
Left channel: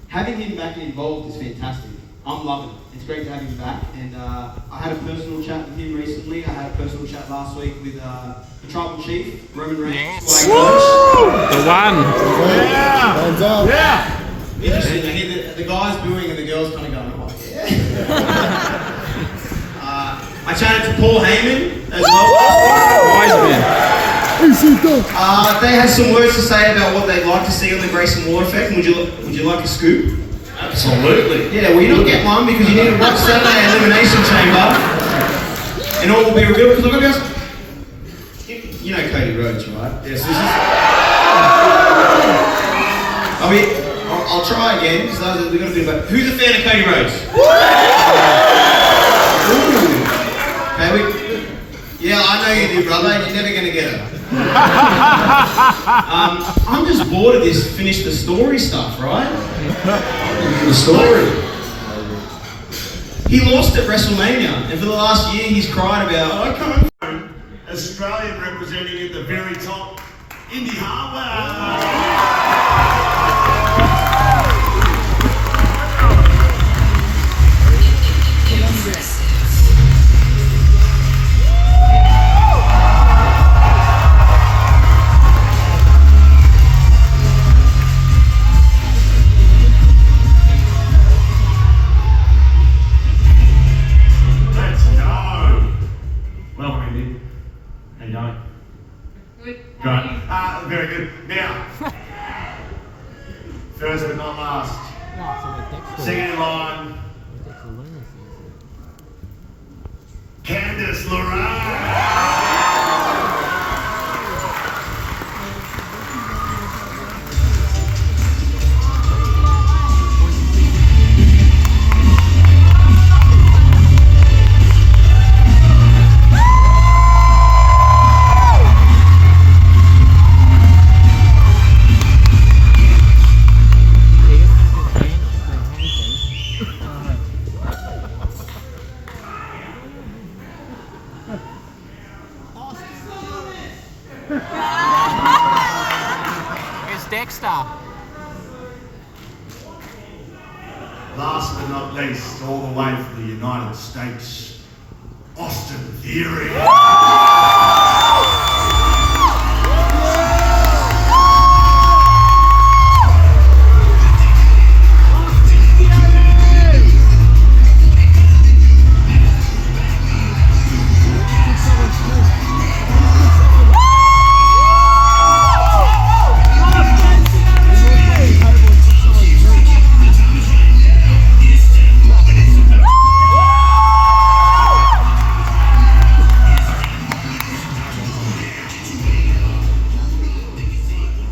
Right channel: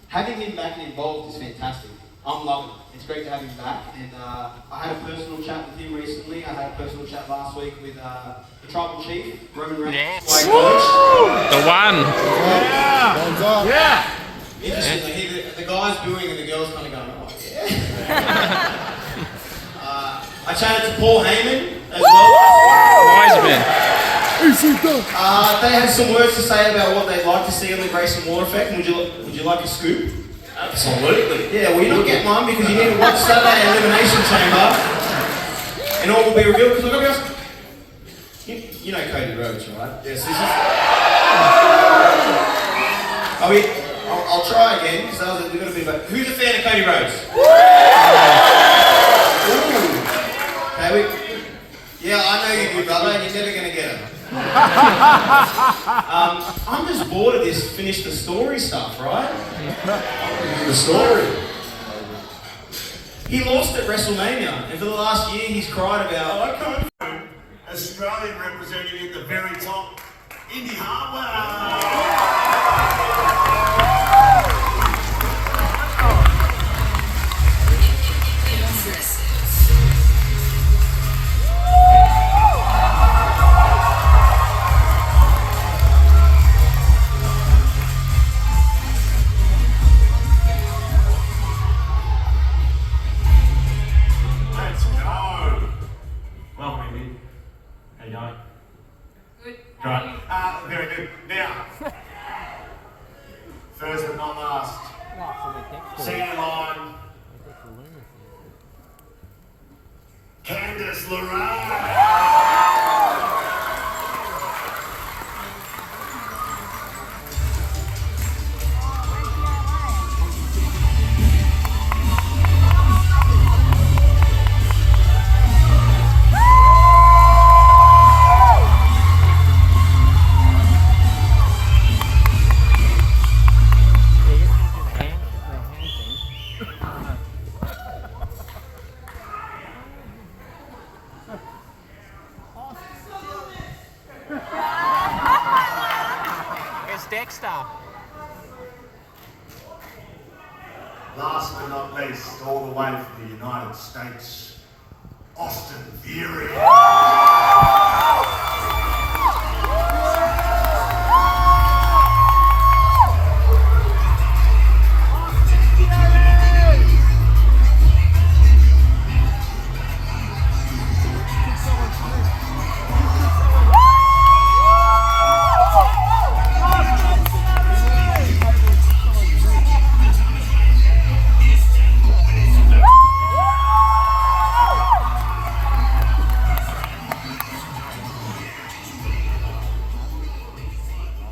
having him back and involved is fantastic. I'm loving it. It's great to have him back. And I had a personal chat with him recently. I had a personal chat last week with the Tribal Chief, Roman Reigns. Yes. The one. Yeah. Interesting. I hear the guys booing and the girls kind of going, oh, yeah. I chatted to Paul Heyman as well. Wise man. They had some words to say about what they'd like to see on the Grayson Waller effect. Would you like a scoop? Absolutely. Yeah, well, you don't get one because you need to watch Saturday Elimination Chamber and all will be revealed. Because I've got to be honest, you know Cody Rhodes, right? Yes, this is... I'll try again because we've got to be about. Who's a fan of Cody Rhodes? Ooh. Okay, yeah, I know you do, brother. You're never gonna get it. I'm just bored of this finish the story stuff, right? The story. He lost at WrestleMania, and for the last year he's cried about. I come from Australian representing at the very top, Indi Hartwell. Very good. Now, Candice Lerae. Dexter. Last but not least, all the way from the United States, Austin Theory.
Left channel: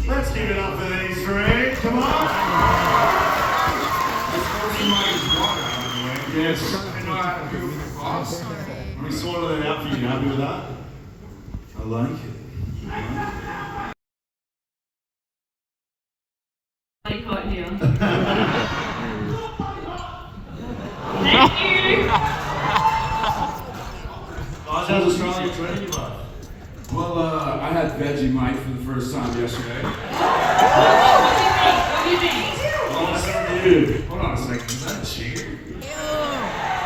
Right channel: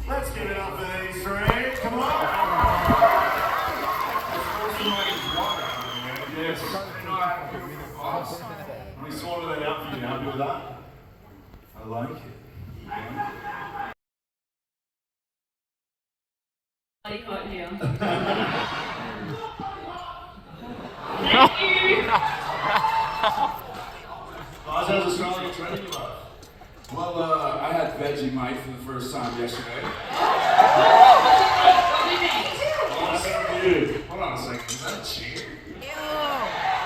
Let's give it up for these three. Come on. Yes. We sorted that out for you. Happy with that? I like it. Bloody hot here. Thank you. How's Australian training you like? Well, I had Vegemite for the first time yesterday. What do you think? Hold on a second, is that a chair?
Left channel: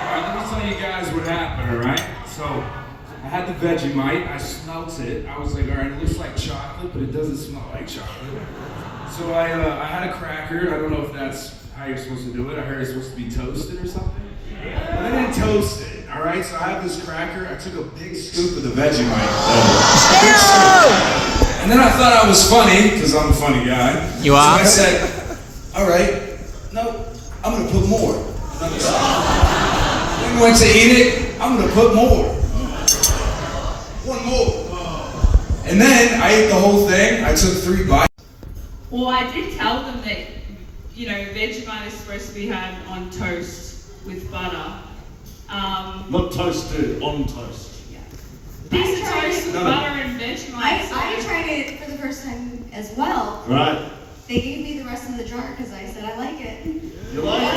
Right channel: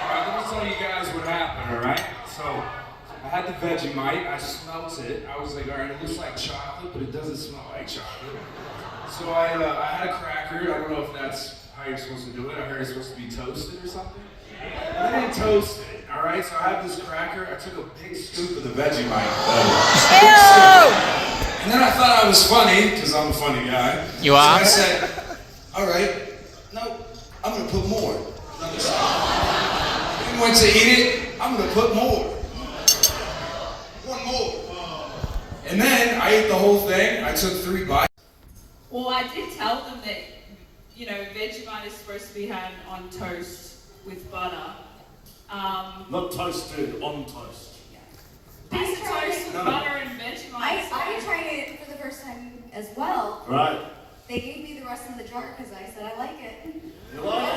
Alright, let me tell you guys what happened, alright? So, I had the Vegemite, I smelt it, I was like, alright, it looks like chocolate, but it doesn't smell like chocolate. So I had a cracker, I don't know if that's how you're supposed to do it, I heard it's supposed to be toasted or something. But I didn't toast it, alright? So I had this cracker, I took a big scoop of the Vegemite. And then I thought I was funny, because I'm a funny guy. You are? So I said, alright, no, I'm gonna put more. Then went to eat it, I'm gonna put more. One more. And then I ate the whole thing, I took 3 bites. Well, I did tell them that, you know, Vegemite is supposed to be had on toast with butter. Not toasted, on toast. Piece of toast with butter and Vegemite. I tried it for the first time as well. Right. They gave me the rest of the jar because I said I like it. You like it?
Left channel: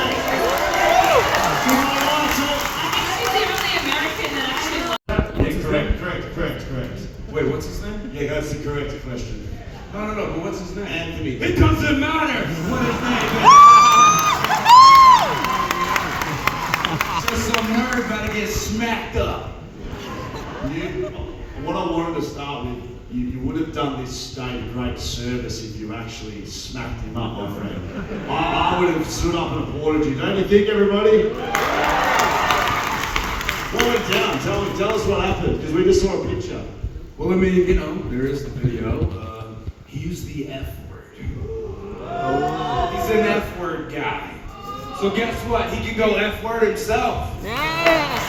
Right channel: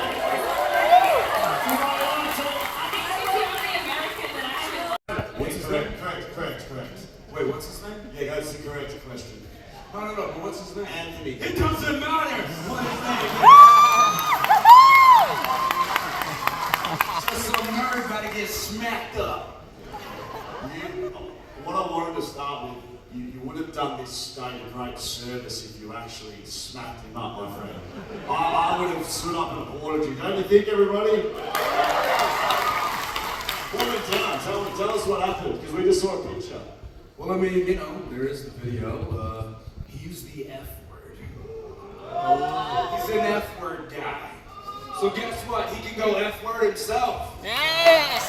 Correct. Wait, what's his name? Yeah, that's the correct question. No, but what's his name? Anthony. It doesn't matter what his name is. Just some nerd about to get smacked up. What I wanted to start with, you would have done this state a great service if you actually smacked him up, my friend. I would have stood up and applauded you. Don't you think, everybody? What went down? Tell us what happened, because we just saw a picture. Well, I mean, you know, there is the video. He used the F word. He's an F word guy. So guess what? He can go F word himself. Yes!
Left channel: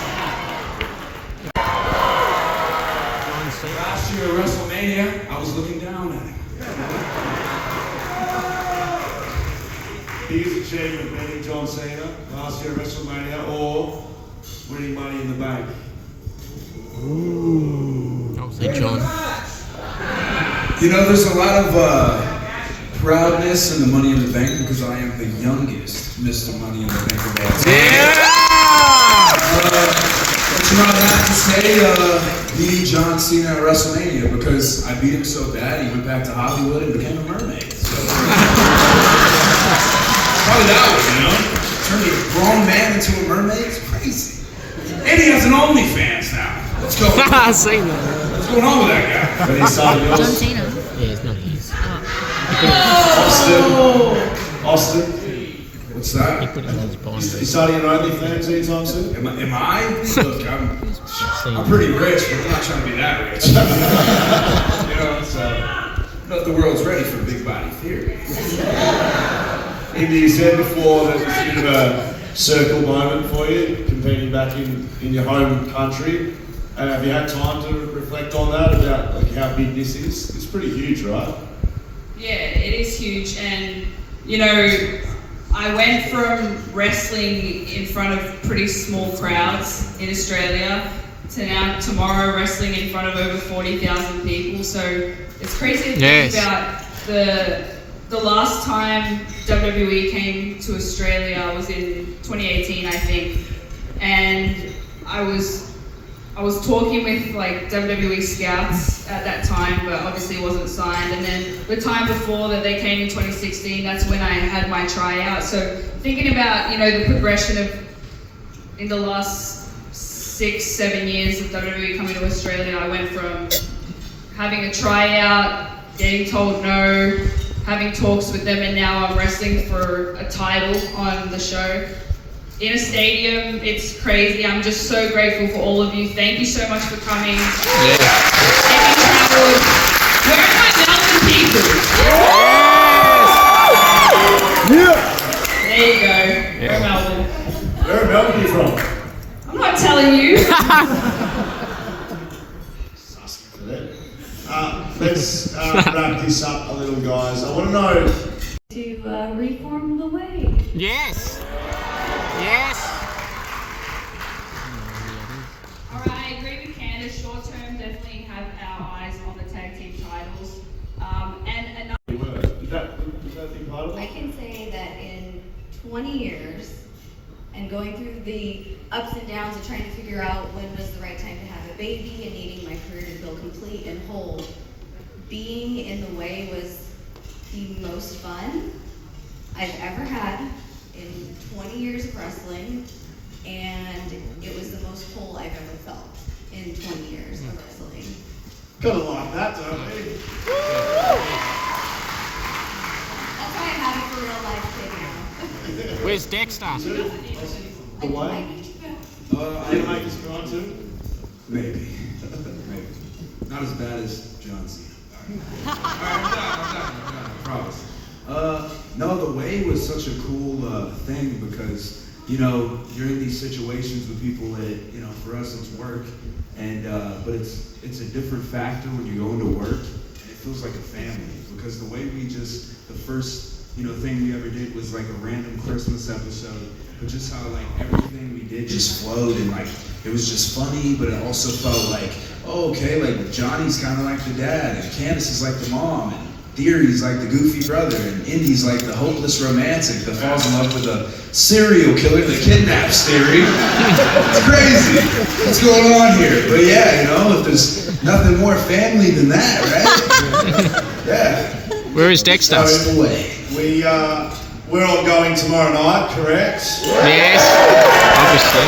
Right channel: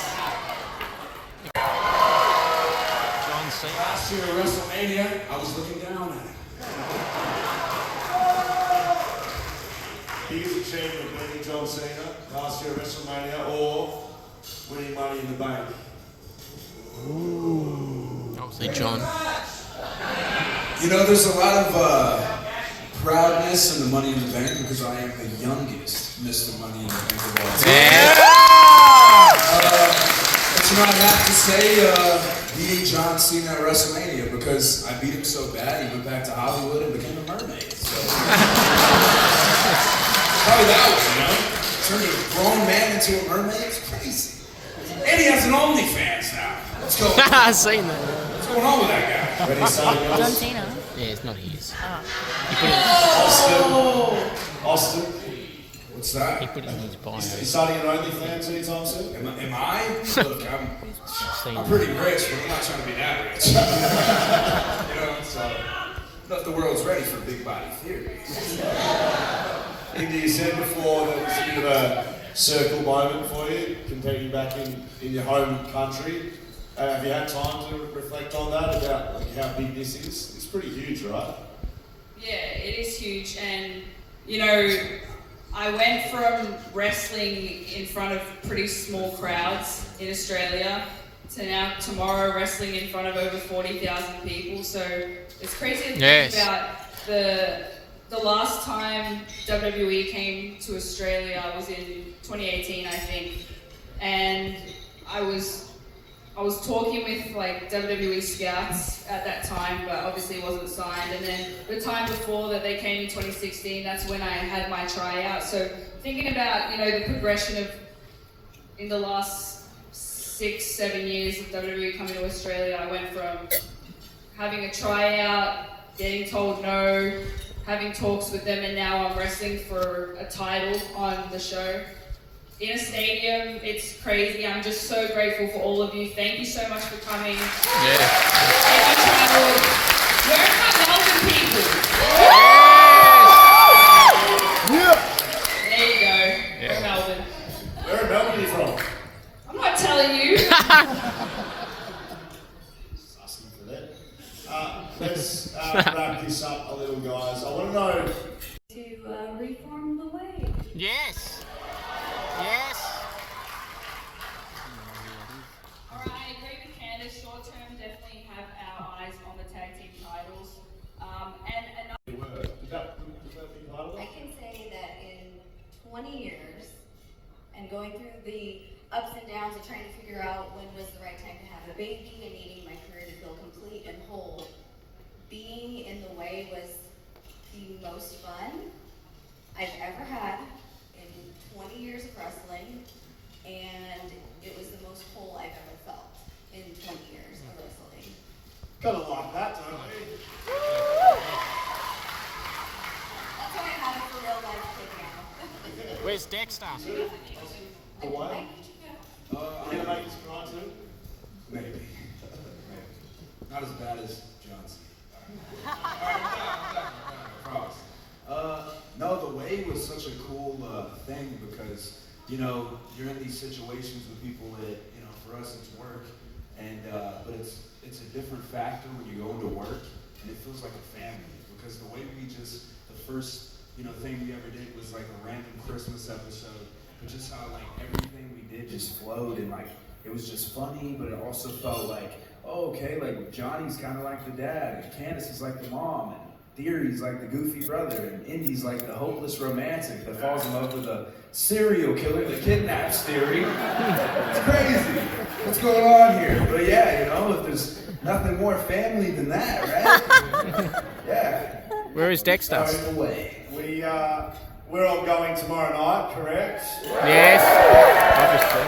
Last year at WrestleMania, I was looking down at him. Biggest achievement beating John Cena last year at WrestleMania, or winning Money in the Bank? Ooh. I'll say John. You know, there's a lot of proudness in the Money in the Bank because I am the youngest Mr. Money in the Bank of all time. But you know, I have to say, beating John Cena at WrestleMania because I beat him so bad he went back to Hollywood and became a mermaid. So probably that one, you know? Turned a grown man into a mermaid? It's crazy. And he has an OnlyFans now. What's going on? I've seen that. What's going on with that guy? Ready to start yours? John Cena. Yeah, it's not his. Austin. What's that? He put it in his bio. You starting an OnlyFans anytime soon? Am I? Look, I'm pretty rich, but I'm not trying to be that rich. You know, so not the world's ready for big body theory. Indi, you said before that it's a bit of a circle moment for you, competing back in your home country. Have you had time to reflect on that, about like how big this is? It's pretty huge, right? Yeah, it is huge, and you know, I went from wrestling in front of pretty small crowds in Australia to now tomorrow wrestling in front of over 40,000 people. So it's crazy to think about the last time WWE came to Australia was in 2018, I think, and I was talking with like WWE scouts at that time, but obviously it wasn't signed. And then the time before that they came in 2016, that's when I had my tryout. So thinking about, you know, the progression of in the last 6-7 years of WWE coming to Australia, I went from having a tryout, getting told no, having talks with them, and now I'm wrestling for a title on the show. In a stadium, it's crazy. I'm just so grateful for all of you. Thank you so much for coming. If you traveled, where are my Melbourne people? Yeah. There you go. We're Melbourne. Where in Melbourne are you from? I'm not telling you. Just asking for that. Let's wrap this up a little, guys. I want to know... To reform the way. Yes. Yes. Alright, I agree with Candice. Short term, definitely have our eyes on the tag team titles. And another. I can say that in 20 years, and going through the ups and downs of trying to figure out when was the right time to have a baby and needing my career to feel complete and whole, being in the way was the most fun I've ever had in 20 years of wrestling, and it was the most whole I've ever felt in 20 years of wrestling. Gotta like that, don't we? That's why I have it for real life kid now. Where's Dexter? The way? Are you gonna make us cry too? Maybe. Maybe. Not as bad as John Cena. Alright, I'm done, I promise. No, the way was such a cool thing because, you know, you're in these situations with people that, you know, for us it's work, and but it's a different factor when you go into work, and it feels like a family, because the way we just, the first, you know, thing we ever did was like a random Christmas episode, but just how like everything we did just flowed, and like it was just funny, but it also felt like, oh, okay, like Johnny's kind of like the dad, and Candice is like the mom, and Theory's like the goofy brother, and Indi's like the hopeless romantic that falls in love with a serial killer that kidnaps Theory. It's crazy. What's going on here? But yeah, you know, if there's nothing more family than that, right? Yeah. Where is Dexter? So in the way. We're all going tomorrow night, correct? Yes, obviously.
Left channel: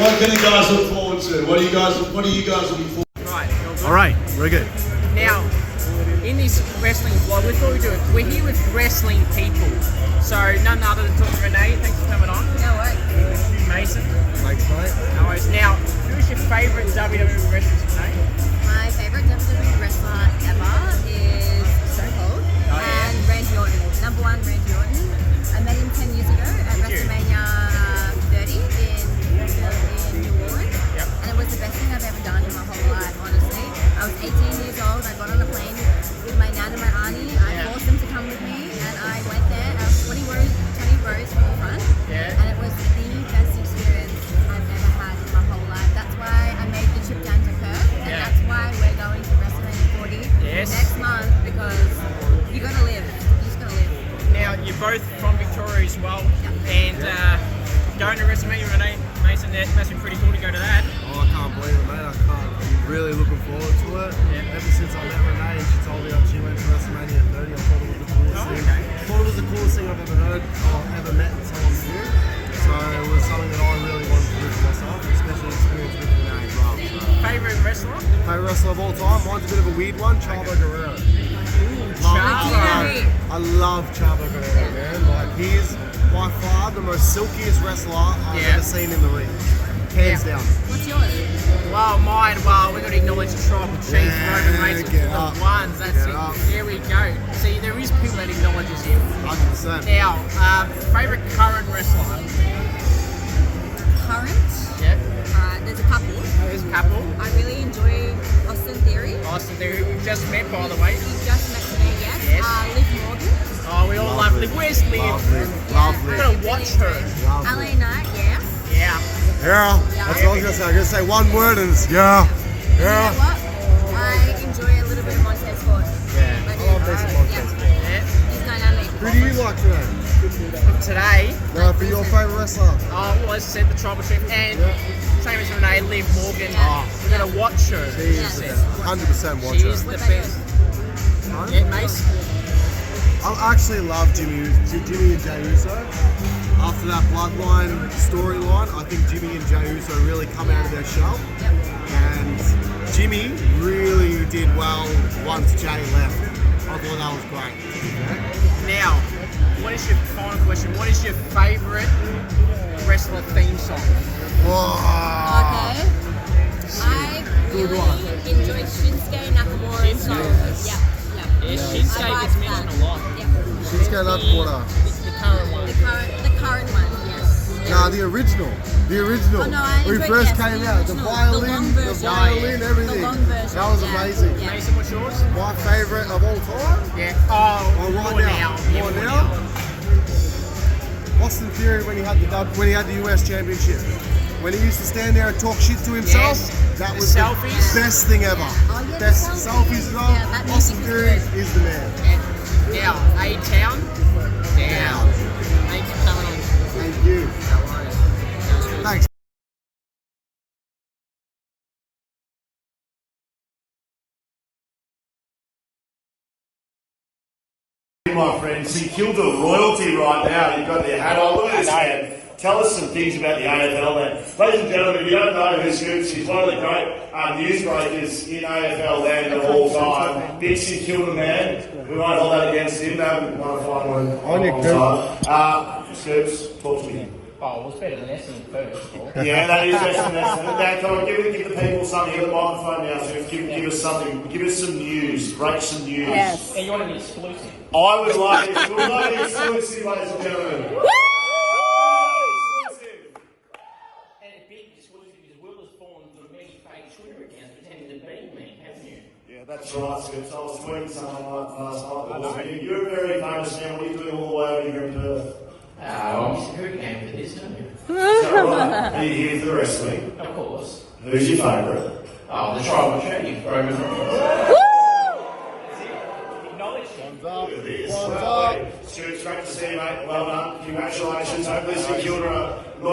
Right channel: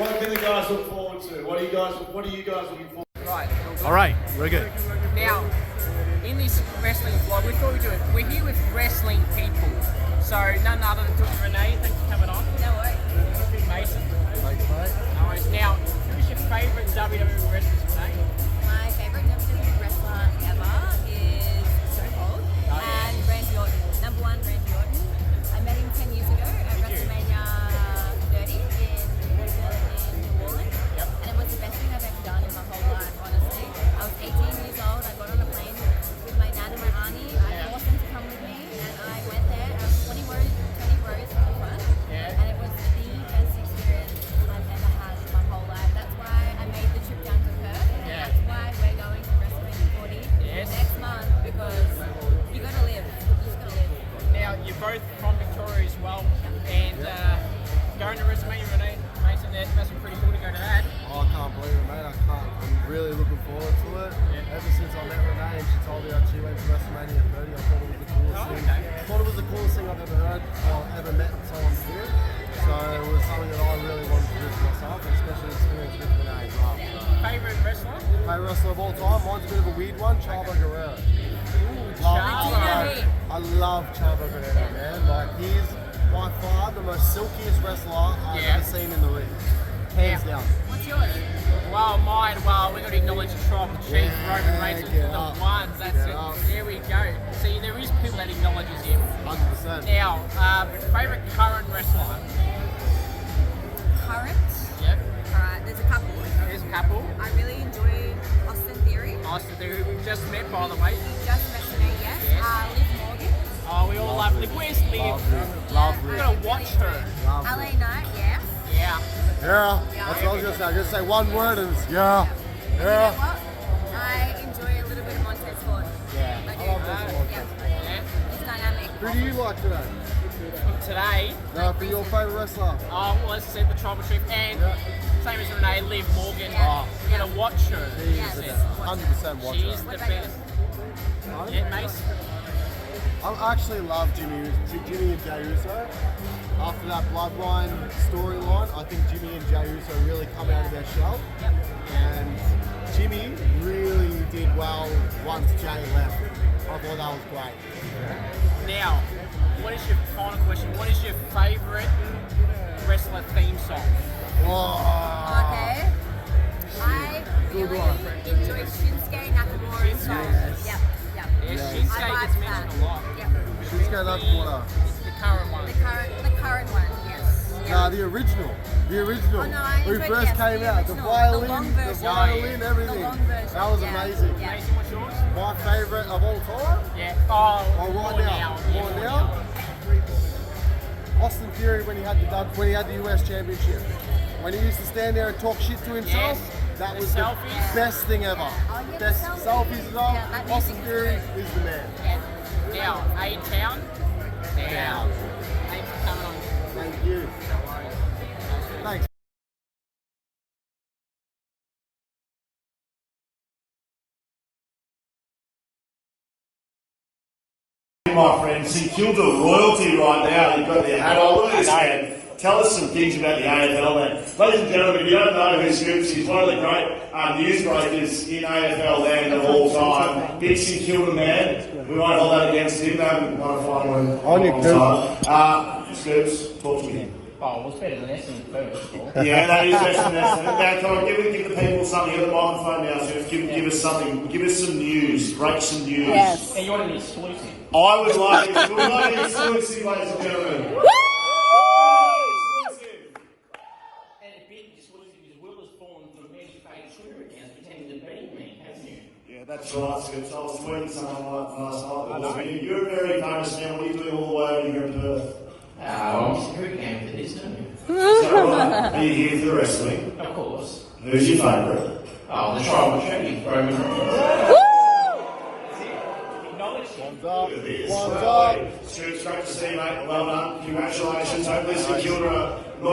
What can the guys look forward to? What are you guys looking forward to? Right. All right, we're good. Now, in this wrestling vlog, we thought we'd do it. We're here with wrestling people. So, none other than Dr. Renee. Thanks for coming on. No way. Mason. Thanks, mate. No worries. Now, who is your favourite WWE wrestler, Renee? My favourite WWE wrestler ever is Stone Cold and Randy Orton. Number one, Randy Orton. I met him 10 years ago at WrestleMania 30 in New Orleans. Yep. And it was the best thing I've ever done in my whole life, honestly. I was 18 years old. I got on a plane with my nan and my auntie. I forced them to come with me, and I went there. I was 20 rows from the front. Yeah. And it was the best experience I've ever had in my whole life. That's why I made the trip down to Perth, and that's why we're going to WrestleMania 40 next month, because you gotta live. You just gotta live. Now, you're both from Victoria as well, and going to WrestleMania, Renee, Mason, that must be pretty cool to go to that. Oh, I can't believe it, mate. I'm really looking forward to it. Yeah. Ever since I met Renee and she told me that she went to WrestleMania 30, I thought it was the coolest thing. Okay. I thought it was the coolest thing I've ever heard or ever met someone do. So it was something that I really wanted to do for myself, especially experience with Renee as well. Favourite wrestler? Favourite wrestler of all time? Mine's a bit of a weird one, Chavo Guerrero. Chavo. I love Chavo Guerrero, man. Like, he's by far the most silkiest wrestler I've ever seen in the ring. Hands down. What's yours? Well, mine, we've got to acknowledge the Tribal Chief, Roman Reigns, for the ones. That's it. There we go. See, there is people that acknowledges him. 100%. Now, favourite current wrestler? Current? Yep. Alright, there's a couple. couple. I really enjoy Austin Theory. Austin Theory, we've just met, by the way. We've just met today, yes. Yes. Liv Morgan. Oh, we all love Liv. Where's Liv? Lovely. We're going to watch her. LA Knight, yeah. Yeah. Yeah, that's what I was going to say. I'm going to say one word and it's yeah. You know what? I enjoy a little bit of Montez Ford. Yeah, I love this Montez. Yeah. He's dynamic. Who do you like today? Today, For your favourite wrestler? well, as I said, the Tribal Chief, and same as Renee, Liv Morgan. We're going to watch her. She's 100% watch her. She's the best. Yeah, Mace? I actually love Jimmy and Jey Uso. After that Bloodline storyline, I think Jimmy and Jey Uso really come out of their shell. And Jimmy really did well once Jey left. I thought that was great. Now, what is your final question? What is your favourite wrestler theme song? Okay. I really enjoy Shinsuke Nakamura's song. Yeah. Yeah, Shinsuke gets mentioned a lot. Yeah. Shinsuke Nakamura. The current one. The current one, yes. Nah, the original. The original. Oh, no, I when he enjoyed, first yes, came the out. The original. violin, The long the version. violin, everything. The long version, That was amazing. yeah. Mason, what's yours? My favourite of all time? Yeah. Oh, more now. Yeah, more now. Austin Theory when he had the US Championship. When he used to stand there and talk shit to himself, that was the best thing ever. Best selfies and all. Austin Theory is the man. And now, A-Town, down. Thanks for coming on. Thank you. No worries. That was good. Thanks. My friends, who killed the royalty right now. You've got their hat all in his hand. Tell us some things about the AFL, man. Ladies and gentlemen, if you don't know who this is, he's one of the great newsmakers in AFL land of all time. Dixie killed the man. We want to hold that against him. No, we want to find one. On your cool. Spurs, talk to me. Oh, it's better than Essendon first. Yeah, that is excellent. Now, come on, give the people something. Get the microphone now, so give us something. Give us some news. Break some news. Yes. And you want an exclusive? I would like an exclusive, ladies and gentlemen. Yeah, that's right. So I was learning something like last night. You're a very famous man. What are you doing all the way over here in Perth? I'm Are you here for the wrestling? Of course. Who's your favourite? The Tribal Champions, Grayson Waller. One's up. Congratulations. Hopefully, some children.